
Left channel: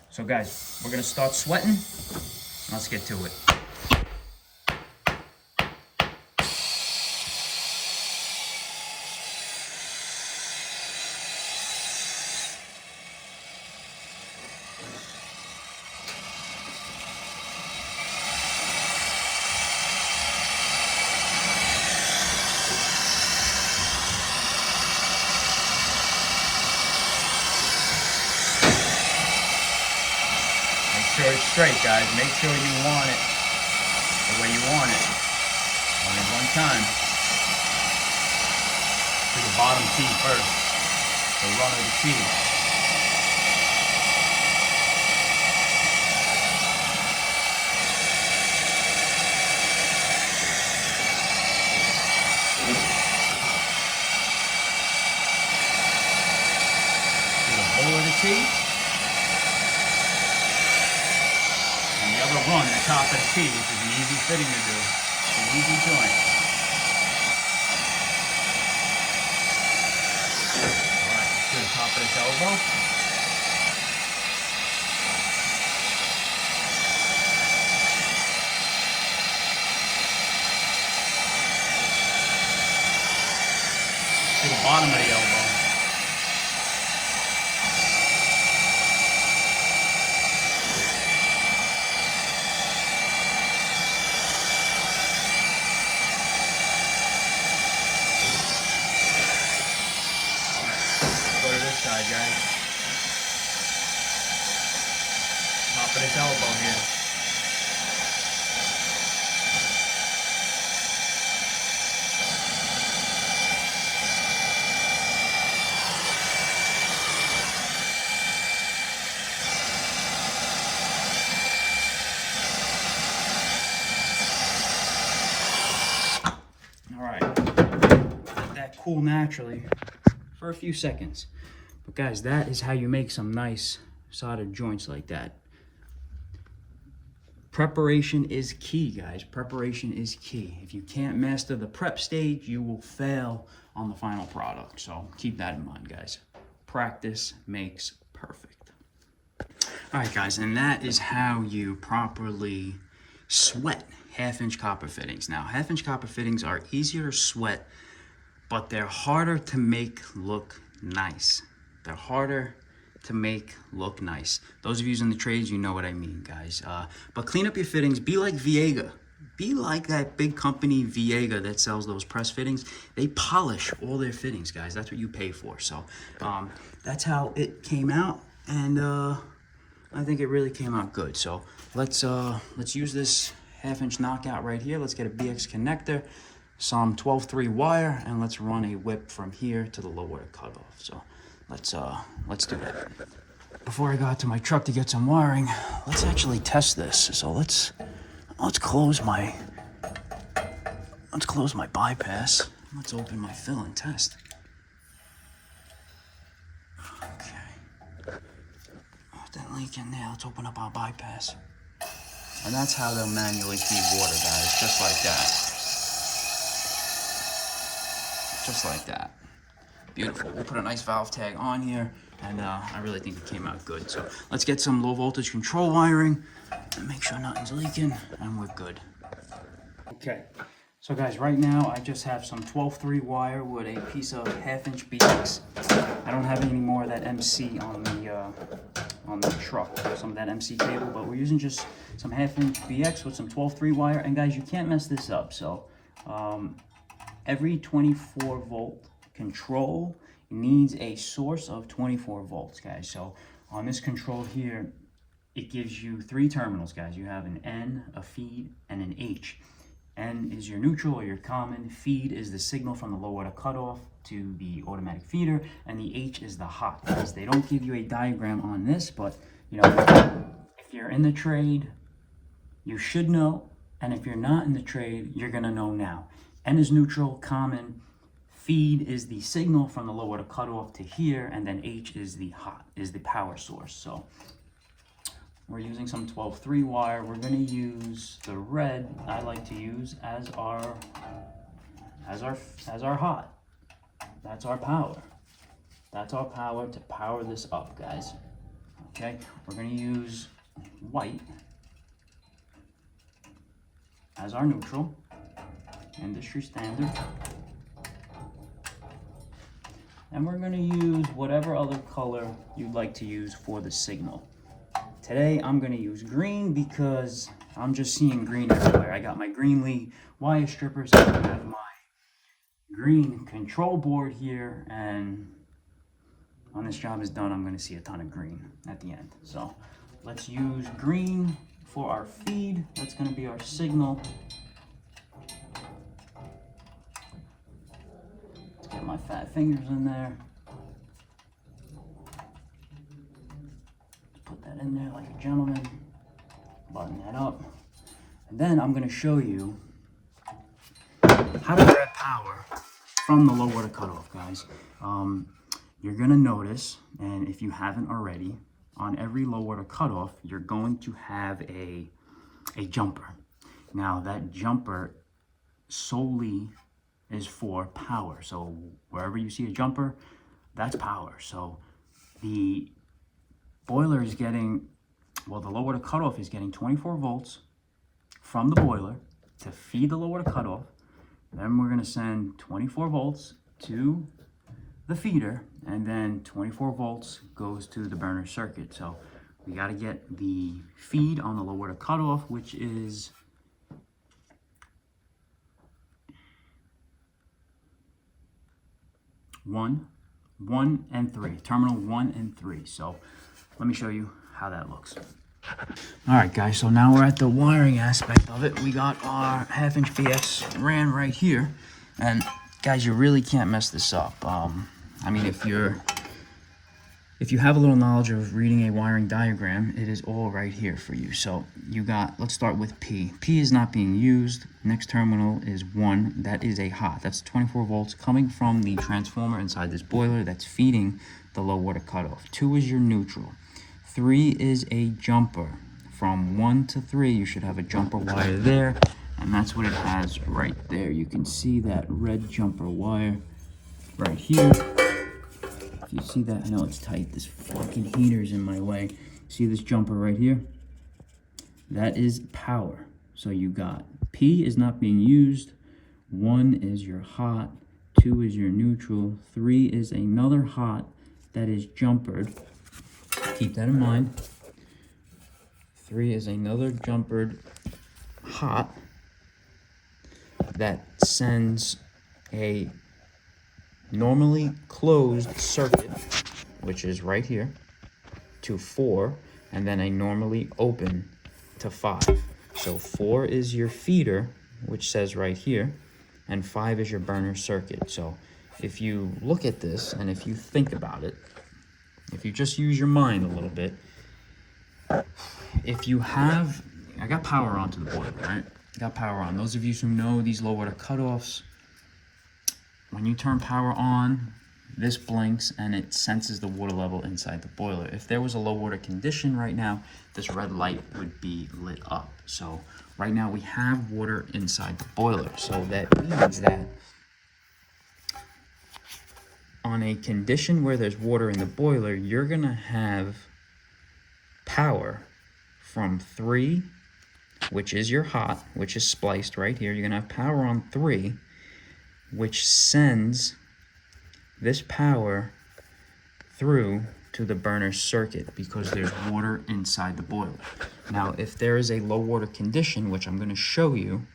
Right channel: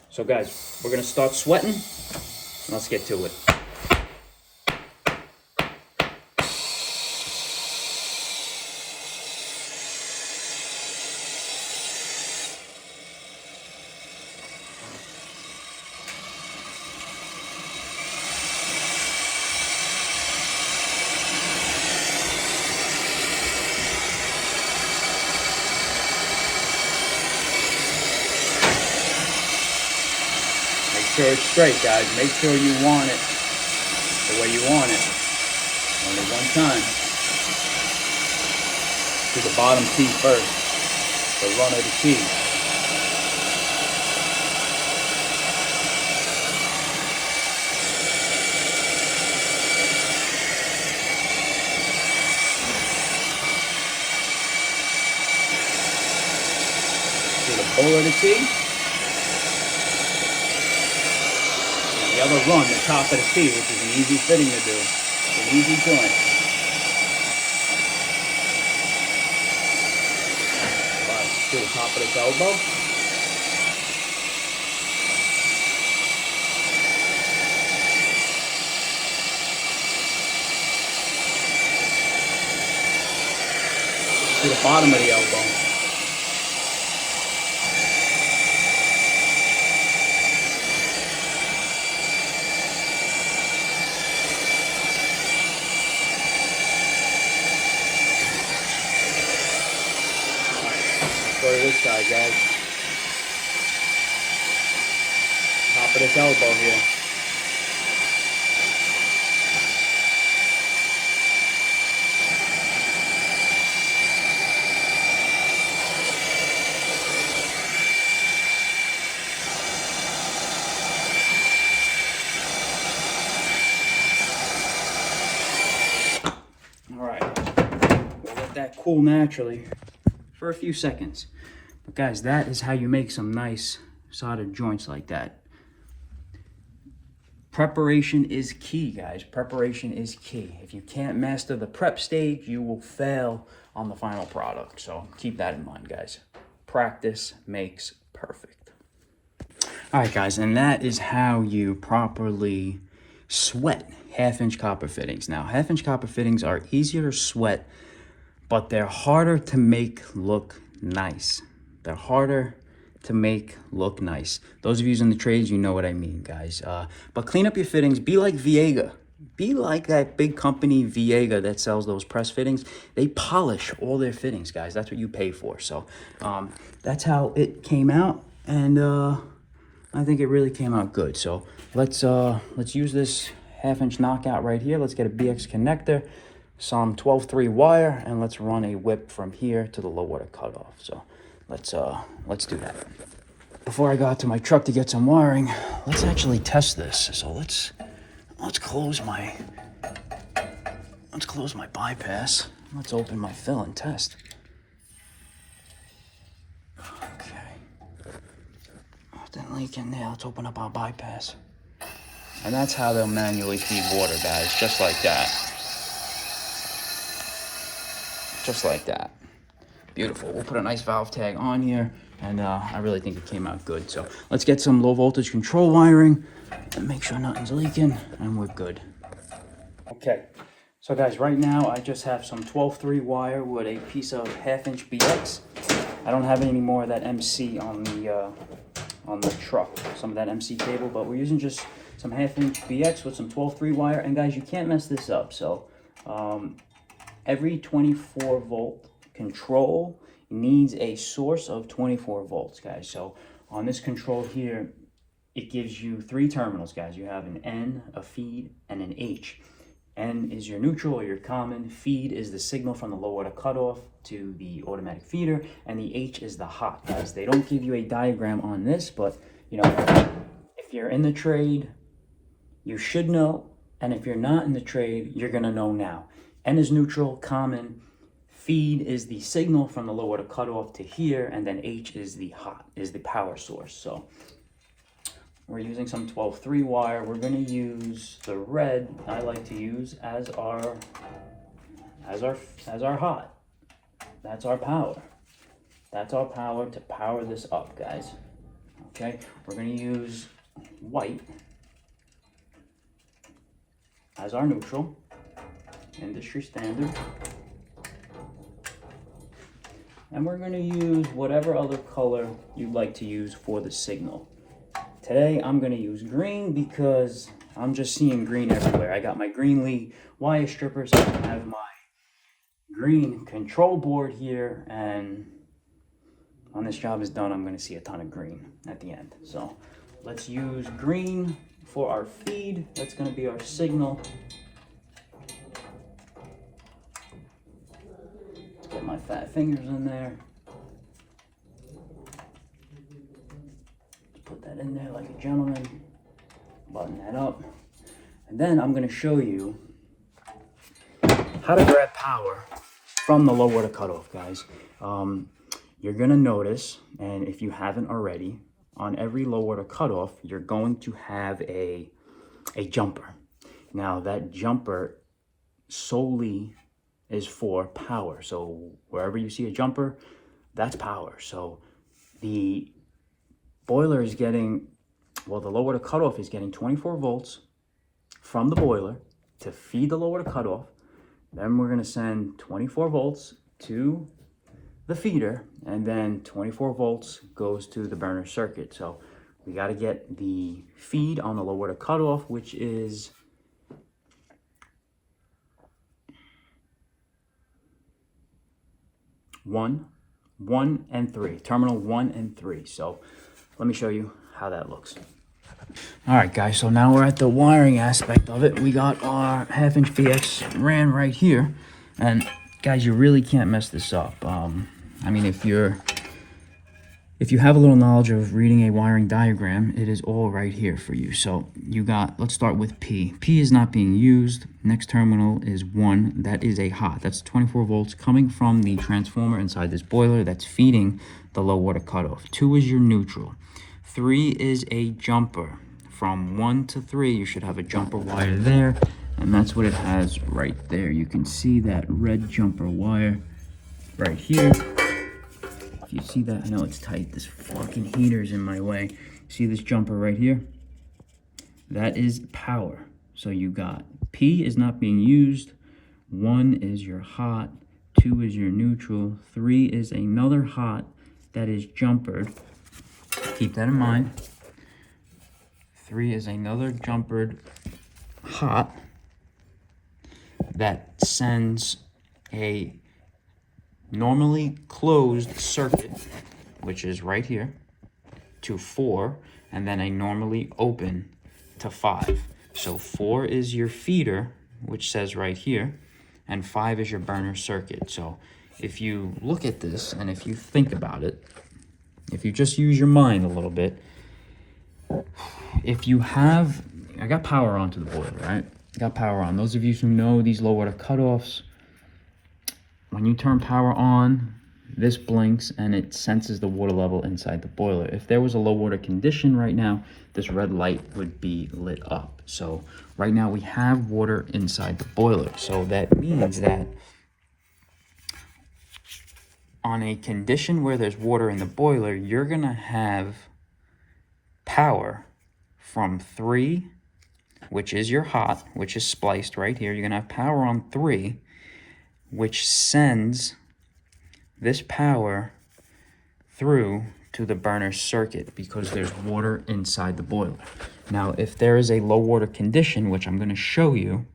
So guys, we're gonna start sweating. Let's get to it. Make sure it's straight, guys. Make sure you want it the way you want it. Only one time. To the bottom two first. The run of the key. To the bowl of the key. The other run, the top of the key, which is an easy fitting to do. It's an easy joint. Alright, to the top of this elbow. To the bottom of the elbow. Go to this side, guys. Top of this elbow here. All right. We'll let that cool naturally for a few seconds. But guys, that is how you make some nice soldered joints like that. Preparation is key, guys. Preparation is key. If you can't master the prep stage, you will fail on the final product. So keep that in mind, guys. Practice makes perfect. All right, guys, and that is how you properly sweat half-inch copper fittings. Now, half-inch copper fittings are easier to sweat, but they're harder to make look nice. They're harder to make look nice. Those of you in the trades, you know what I mean, guys. But clean up your fittings. Be like Viega. Be like that big company Viega that sells those press fittings. They polish all their fittings, guys. That's what you pay for. So that's how it came out, and I think it really came out good. So let's use this half-inch knockout right here. Let's get a BX connector, some 12-3 wire, and let's run a whip from here to the low water cutoff. So let's do that. Before I got to my truck to get some wiring, let's actually test this. So let's close my bypass. Let's open my fill and test. Okay. That leak in there. Let's open up our bypass. And that's how they'll manually feed water, guys. Just like that. Just like that. Beautiful. We'll put a nice valve tag on here, and I really think it came out good. So let's get some low voltage control wiring and make sure nothing's leaking, and we're good. Okay, so guys, right now I just have some 12-3 wire with a piece of half-inch BX. I don't have any more of that MC on the truck, some of that MC cable, but we're using just some half-inch BX with some 12-3 wire. And guys, you can't mess this up. So every 24 volt control needs a source of 24 volts, guys. So on this control here, it gives you 3 terminals, guys. You have an N, a feed, and an H. N is your neutral or your common. Feed is the signal from the low water cutoff to the automatic feeder, and the H is the hot, guys. They don't give you a diagram on this, but you know, if you're in the trade, you should know, and if you're not in the trade, you're gonna know now. N is neutral, common. Feed is the signal from the low water cutoff to here, and then H is the hot, is the power source. So we're using some 12-3 wire. We're gonna use the red I like to use as our hot. That's our power. That's our power to power this up, guys. Okay, we're gonna use white as our neutral, industry standard. And we're going to use whatever other color you'd like to use for the signal. Today I'm going to use green because I'm just seeing green everywhere. I got my green Lee wire strippers, I have my green control board here, and when this job is done, I'm going to see a ton of green at the end. So let's use green for our feed. That's going to be our signal. Get my fat fingers in there. Put that in there like a gentleman. Button that up. And then I'm going to show you how to grab power from the low water cutoff, guys. You're going to notice, and if you haven't already, on every low water cutoff, you're going to have a jumper. Now that jumper solely is for power. So wherever you see a jumper, that's power. So the boiler is getting, well, the low water cutoff is getting 24 volts from the boiler to feed the low water cutoff. Then we're going to send 24 volts to the feeder, and then 24 volts goes to the burner circuit. So we got to get the feed on the low water cutoff, which is one, and 3, terminal 1 and 3. So let me show you how that looks. All right, guys, so now we're at the wiring aspect of it. We got our half-inch BX ran right here, and guys, you really can't mess this up. I mean, if you have a little knowledge of reading a wiring diagram, it is all right here for you. So you got, let's start with P. P is not being used. Next terminal is 1. That is a hot. That's 24 volts coming from the transformer inside this boiler that's feeding the low water cutoff. 2 is your neutral. 3 is a jumper. from 1 to 3, you should have a jumper wire there, and that's what it has right there. You can see that red jumper wire right here. If you see that, I know it's tight. This fucking heater's in my way. See this jumper right here? That is power. So you got P is not being used, 1 is your hot, 2 is your neutral, 3 is another hot that is jumpered. Keep that in mind. 3 is another jumpered hot that sends a normally closed circuit, which is right here, to 4, and then a normally open to 5. So 4 is your feeder, which says right here, and 5 is your burner circuit. So if you look at this and if you think about it, if you just use your mind a little bit, if you have, I got power onto the boiler, right? I got power on. Those of you who know these low water cutoffs, when you turn power on, this blinks and it senses the water level inside the boiler. If there was a low water condition right now, this red light would be lit up. So right now we have water inside the boiler. So that means that on a condition where there's water in the boiler, you're gonna have power from 3, which is your hot, which is spliced right here. You're gonna have power on 3, which sends this power through to the burner circuit because there's water inside the boiler. Now, if there is a low water condition, which I'm gonna show you,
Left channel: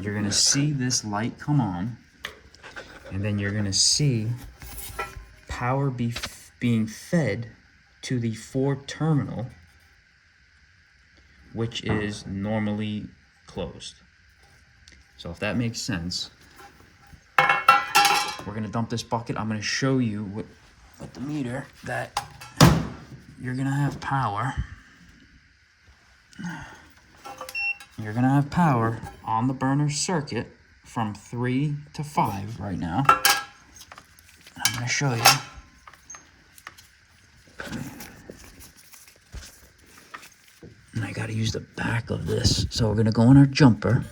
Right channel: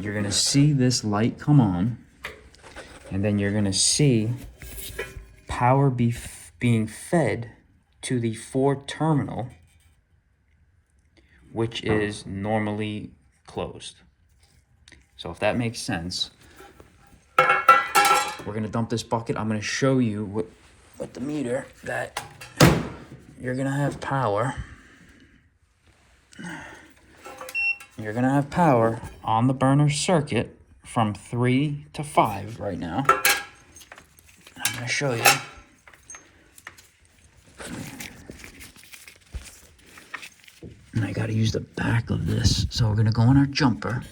you're gonna see this light come on, and then you're gonna see power being fed to the 4 terminal, which is normally closed. So if that makes sense, we're gonna dump this bucket. I'm gonna show you with the meter that you're gonna have power. You're gonna have power on the burner circuit from 3 to 5 right now. I'm gonna show you. And I gotta use the back of this. So we're gonna go on our jumper,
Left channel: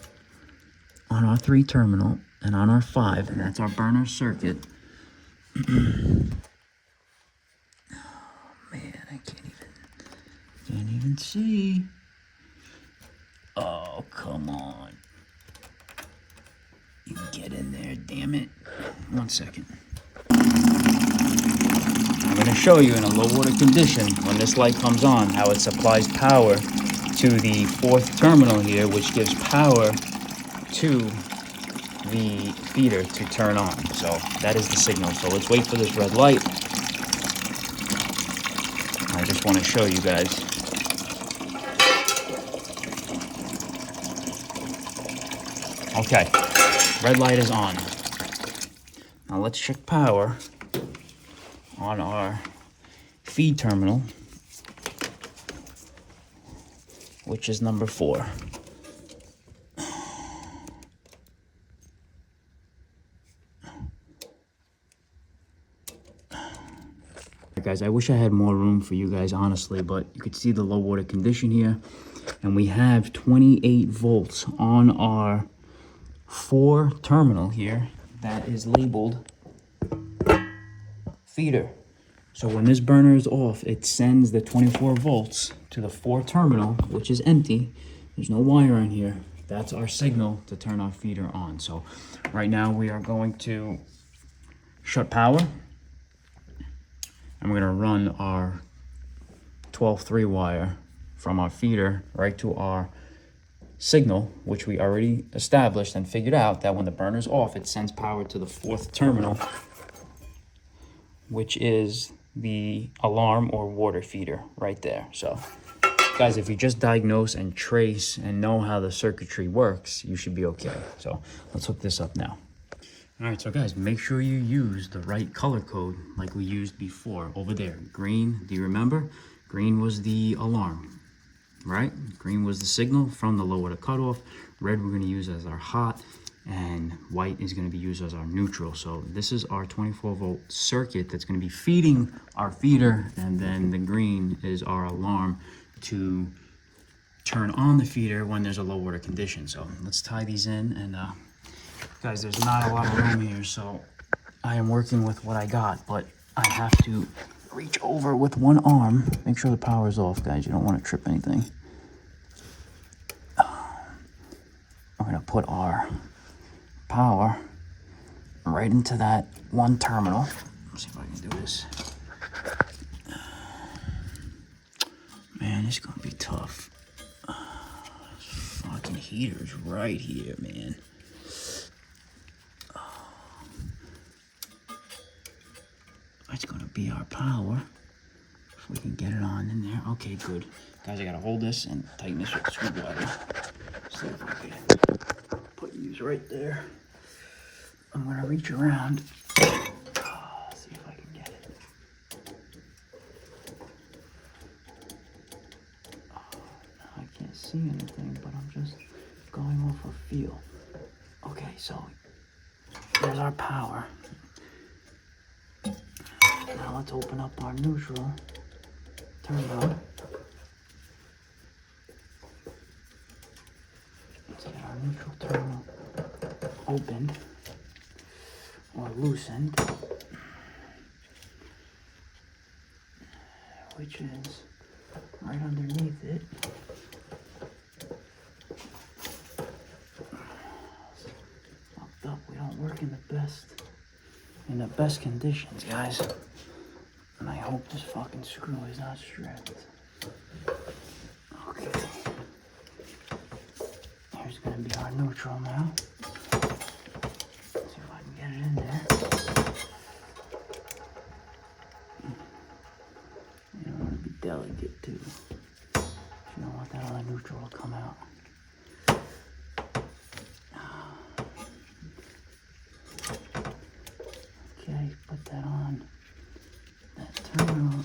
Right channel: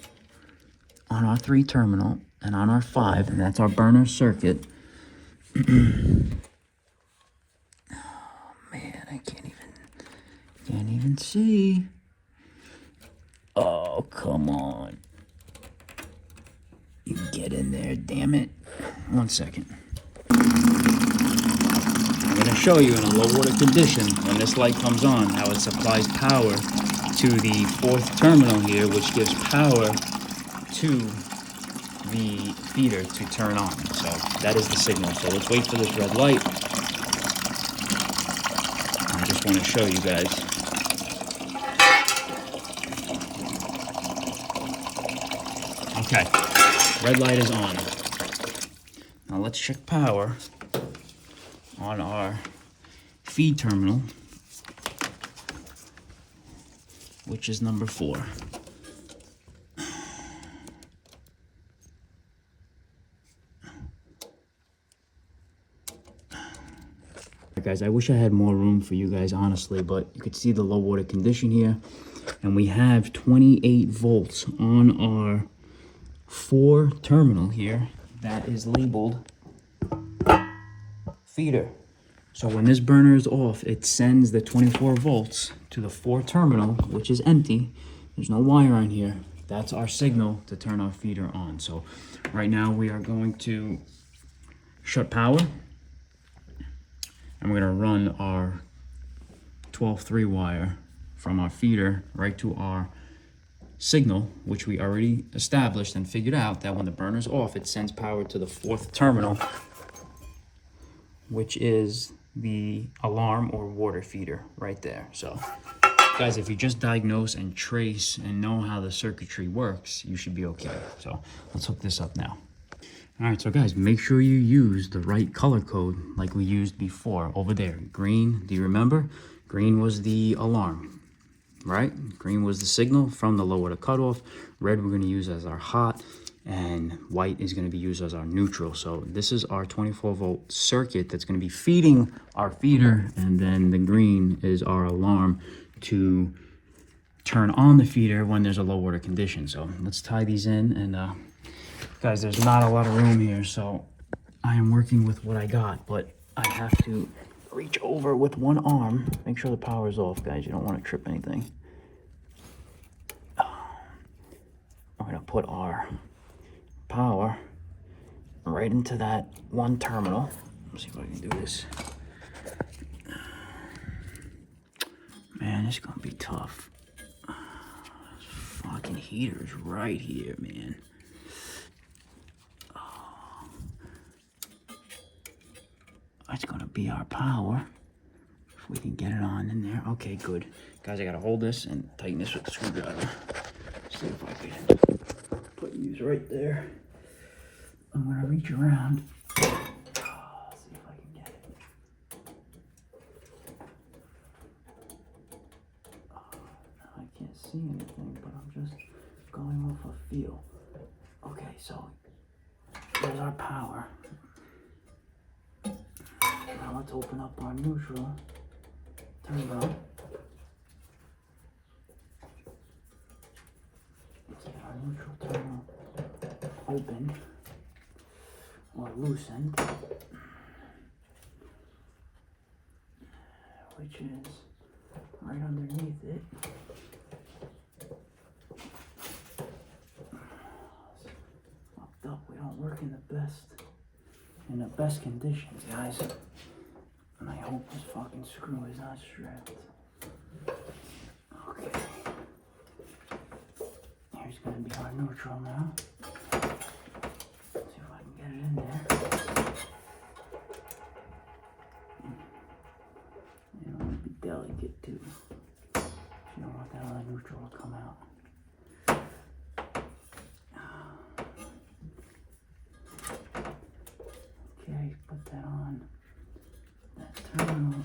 on our 3 terminal, and on our 5, and that's our burner circuit. Oh man, I can't even see. Oh, come on. You get in there, damn it. 1 second. I'm gonna show you in a low water condition, when this light comes on, how it supplies power to the 4th terminal here, which gives power to the feeder to turn on. So that is the signal. So let's wait for this red light. I just want to show you guys. Okay, red light is on. Now let's check power on our feed terminal, which is number 4. Guys, I wish I had more room for you guys, honestly, but you could see the low water condition here, and we have 28 volts on our 4 terminal here that is labeled feeder. So when this burner is off, it sends the 24 volts to the 4 terminal, which is empty. There's no wire on here. That's our signal to turn our feeder on. So right now we are going to shut power. And we're gonna run our 12-3 wire from our feeder right to our signal, which we already established and figured out that when the burner's off, it sends power to the 4th terminal, which is the alarm or water feeder right there. So guys, if you just diagnose and trace and know how the circuitry works, you should be okay. So let's hook this up now. All right, so guys, make sure you use the right color code like we used before over there. Green, do you remember? Green was the alarm, right? Green was the signal from the low water cutoff. Red we're gonna use as our hot, and white is gonna be used as our neutral. So this is our 24 volt circuit that's gonna be feeding our feeder, and then the green is our alarm to turn on the feeder when there's a low water condition. So let's tie these in, and guys, there's not a lot of room here, so I am working with what I got, but I have to reach over with one arm. Make sure the power is off, guys. You don't want to trip anything. We're gonna put our power right into that one terminal. Let's see if I can do this. Man, it's gonna be tough. Fucking heater's right here, man. That's gonna be our power. If we can get it on in there. Okay, good. Guys, I gotta hold this and tighten this with the screwdriver. See if I can put these right there. I'm gonna reach around. See if I can get it. I can't see anything, but I'm just going off of feel. Okay, so there's our power. Now let's open up our neutral terminal. Let's get our neutral terminal opened or loosened, which is right underneath it. Fucked up. We don't work in the best conditions, guys. And I hope this fucking screw is not stripped. Okay. Here's gonna be our neutral now. See if I can get it in there. You don't want to be delicate too. You don't want that other neutral to come out. Okay, put that on. Terminal.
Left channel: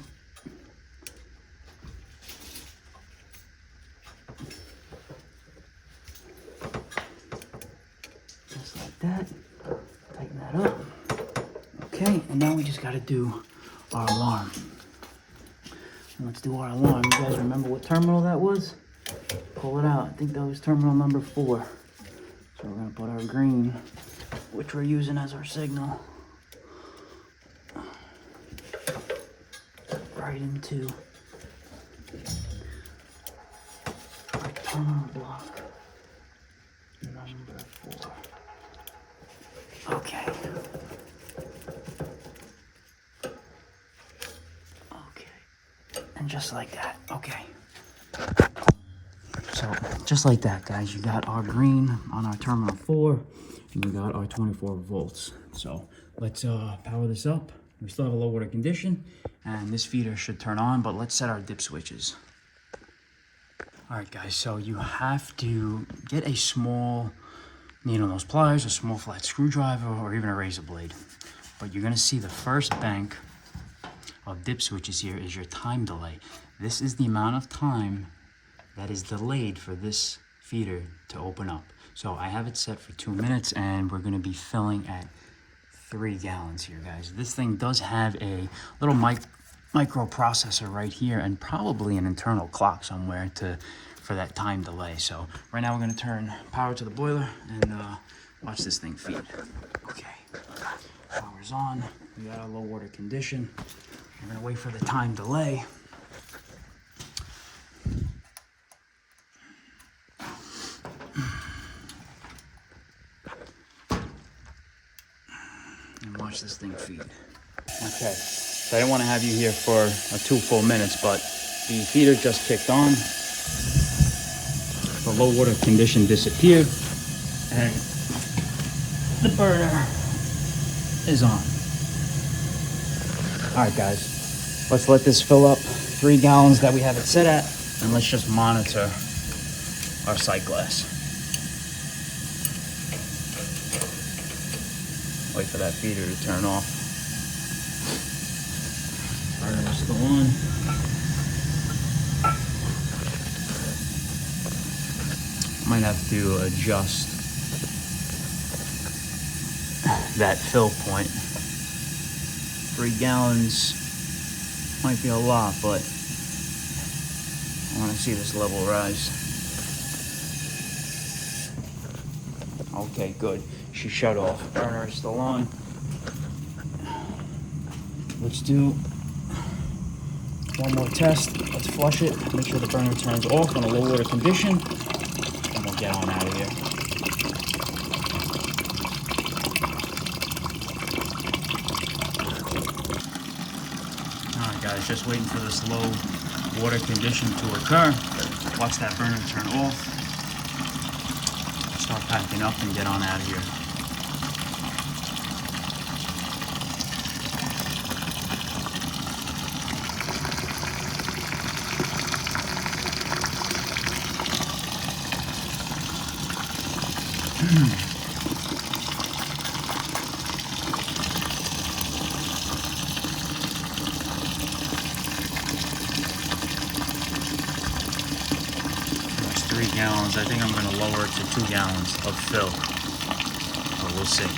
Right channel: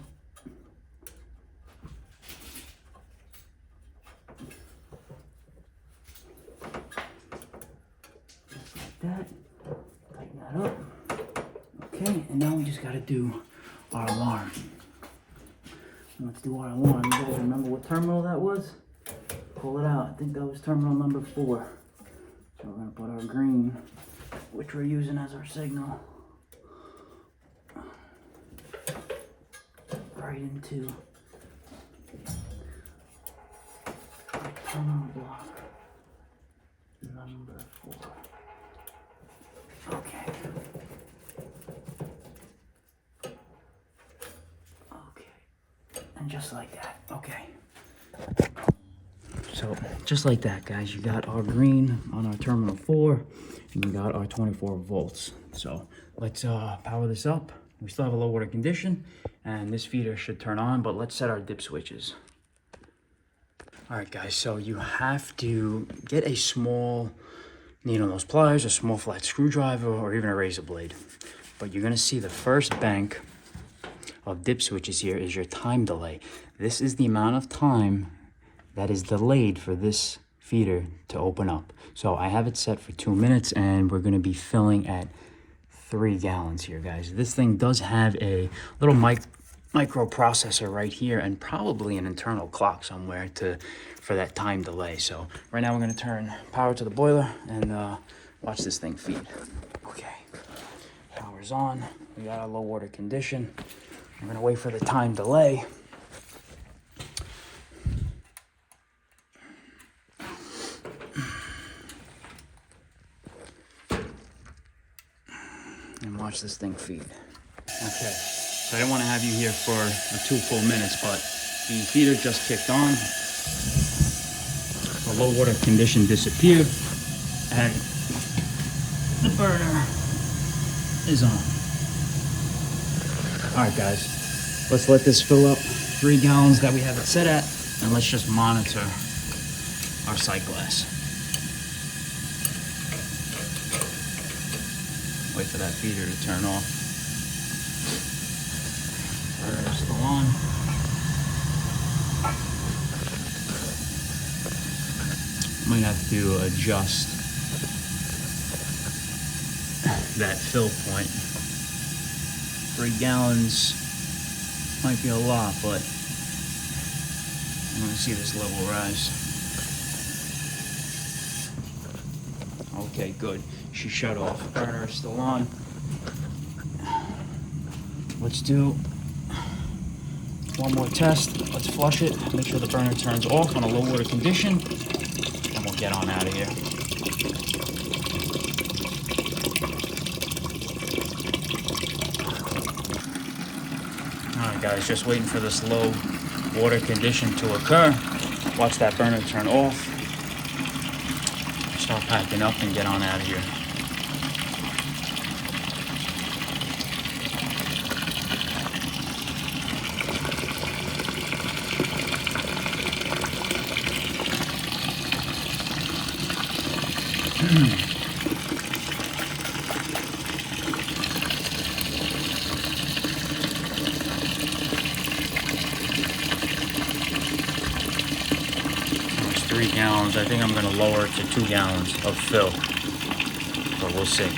Just like that. Tighten that up. Okay, and now we just gotta do our alarm. Let's do our alarm. You guys remember what terminal that was? Pull it out. I think that was terminal number 4. So we're gonna put our green, which we're using as our signal, right into our terminal block number 4. Okay. Okay. And just like that. Okay. So just like that, guys, you got our green on our terminal 4, and we got our 24 volts. So let's power this up. We still have a low water condition, and this feeder should turn on, but let's set our dip switches. All right, guys, so you have to get a small needle nose pliers, a small flat screwdriver, or even a razor blade. But you're gonna see the first bank of dip switches here is your time delay. This is the amount of time that is delayed for this feeder to open up. So I have it set for 2 minutes, and we're gonna be filling at 3 gallons here, guys. This thing does have a little microprocessor right here, and probably an internal clock somewhere for that time delay. So right now we're gonna turn power to the boiler and watch this thing feed. Okay, power's on. We got a low water condition. I'm gonna wait for the time delay. And watch this thing feed. Okay, so I didn't want to have you here for 2 full minutes, but the feeder just kicked on. The low water condition disappeared, and the burner is on. All right, guys, let's let this fill up 3 gallons that we have it set at, and let's just monitor our sight glass. Wait for that feeder to turn off. Burner is still on. Might have to adjust that fill point. 3 gallons might be a lot, but I want to see this level rise. Okay, good. She shut off. Burner is still on. Let's do one more test. Let's flush it. Make sure the burner turns off on a low water condition. And we'll get on out of here. Alright guys, just waiting for this low water condition to occur. Watch that burner turn off. Start packing up and get on out of here. That's 3 gallons. I think I'm going to lower it to 2 gallons of fill, but we'll see.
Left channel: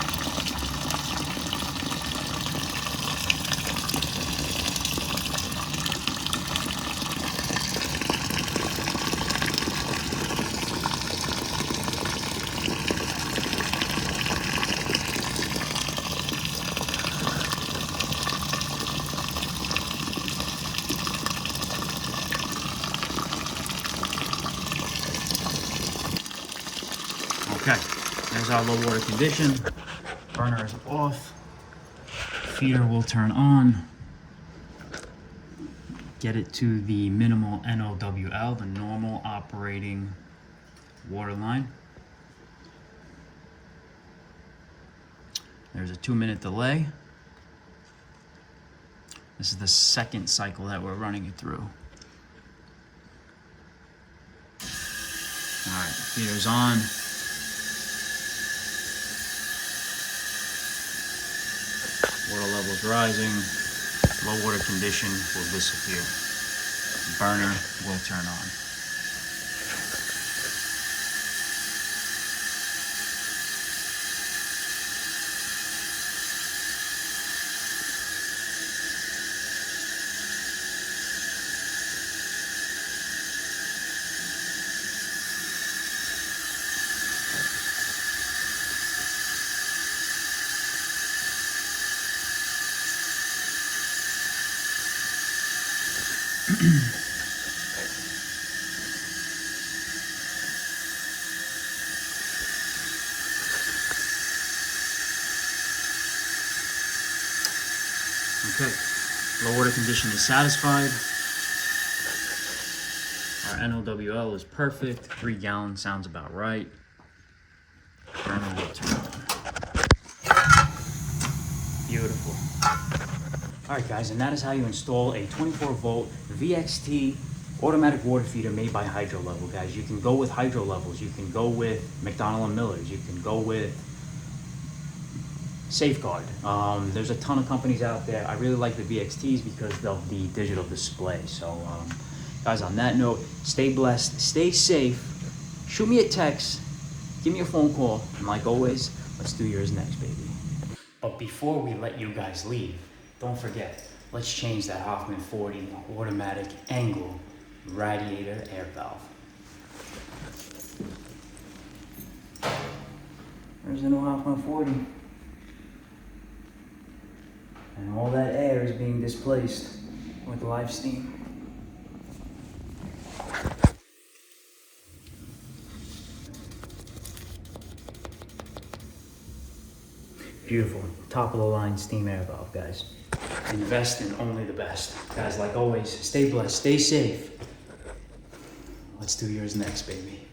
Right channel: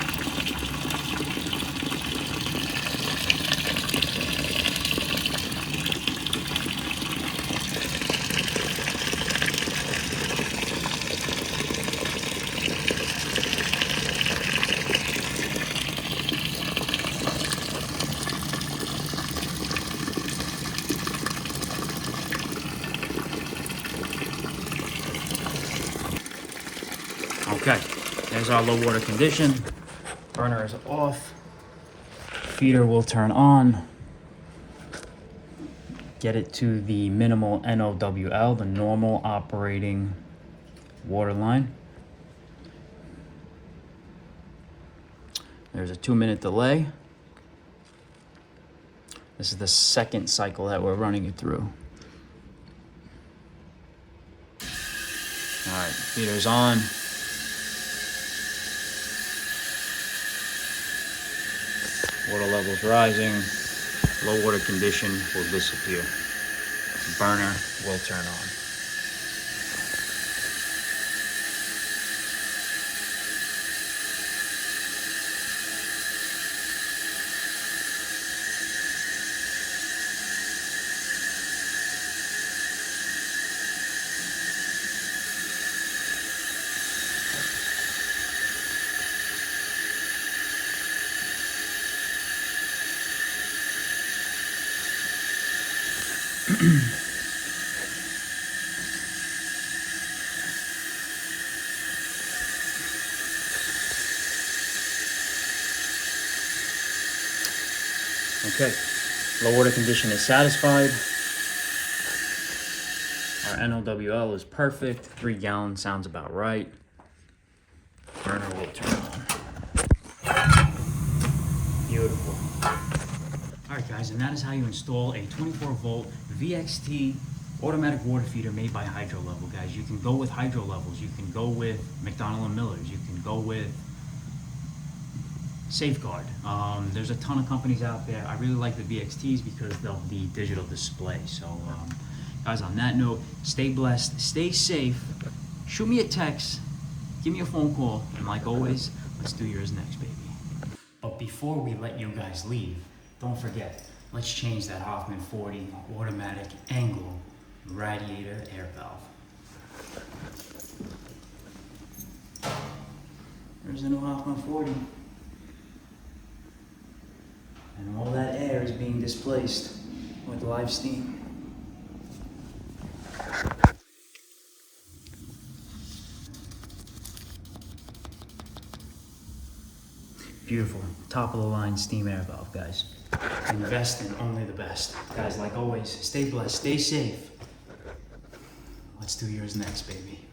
Okay, there's our low water condition. Burner is off. Feeder will turn on. Get it to the minimal NOWL, the normal operating water line. There's a 2-minute delay. This is the second cycle that we're running it through. All right, feeder's on. Water levels rising, low water condition will disappear. Burner will turn on. Okay, low water condition is satisfied. Our NOWL is perfect. 3 gallons sounds about right. Burner will turn on. Beautiful. All right, guys, and that is how you install a 24-volt VXT automatic water feeder made by Hydro Level, guys. You can go with Hydro Levels. You can go with McDonald & Miller's. You can go with Safeguard. There's a ton of companies out there. I really like the VXTs because of the digital display. So, guys, on that note, stay blessed, stay safe. Shoot me a text, give me a phone call, and like always, let's do yours next, baby. But before we let you guys leave, don't forget, let's change that Hoffman 40 automatic angle radiator air valve. There's the new Hoffman 40. And all that air is being displaced with live steam. Beautiful, top of the line steam air valve, guys. Invest in only the best. Guys, like always, stay blessed, stay safe. Let's do yours next, baby.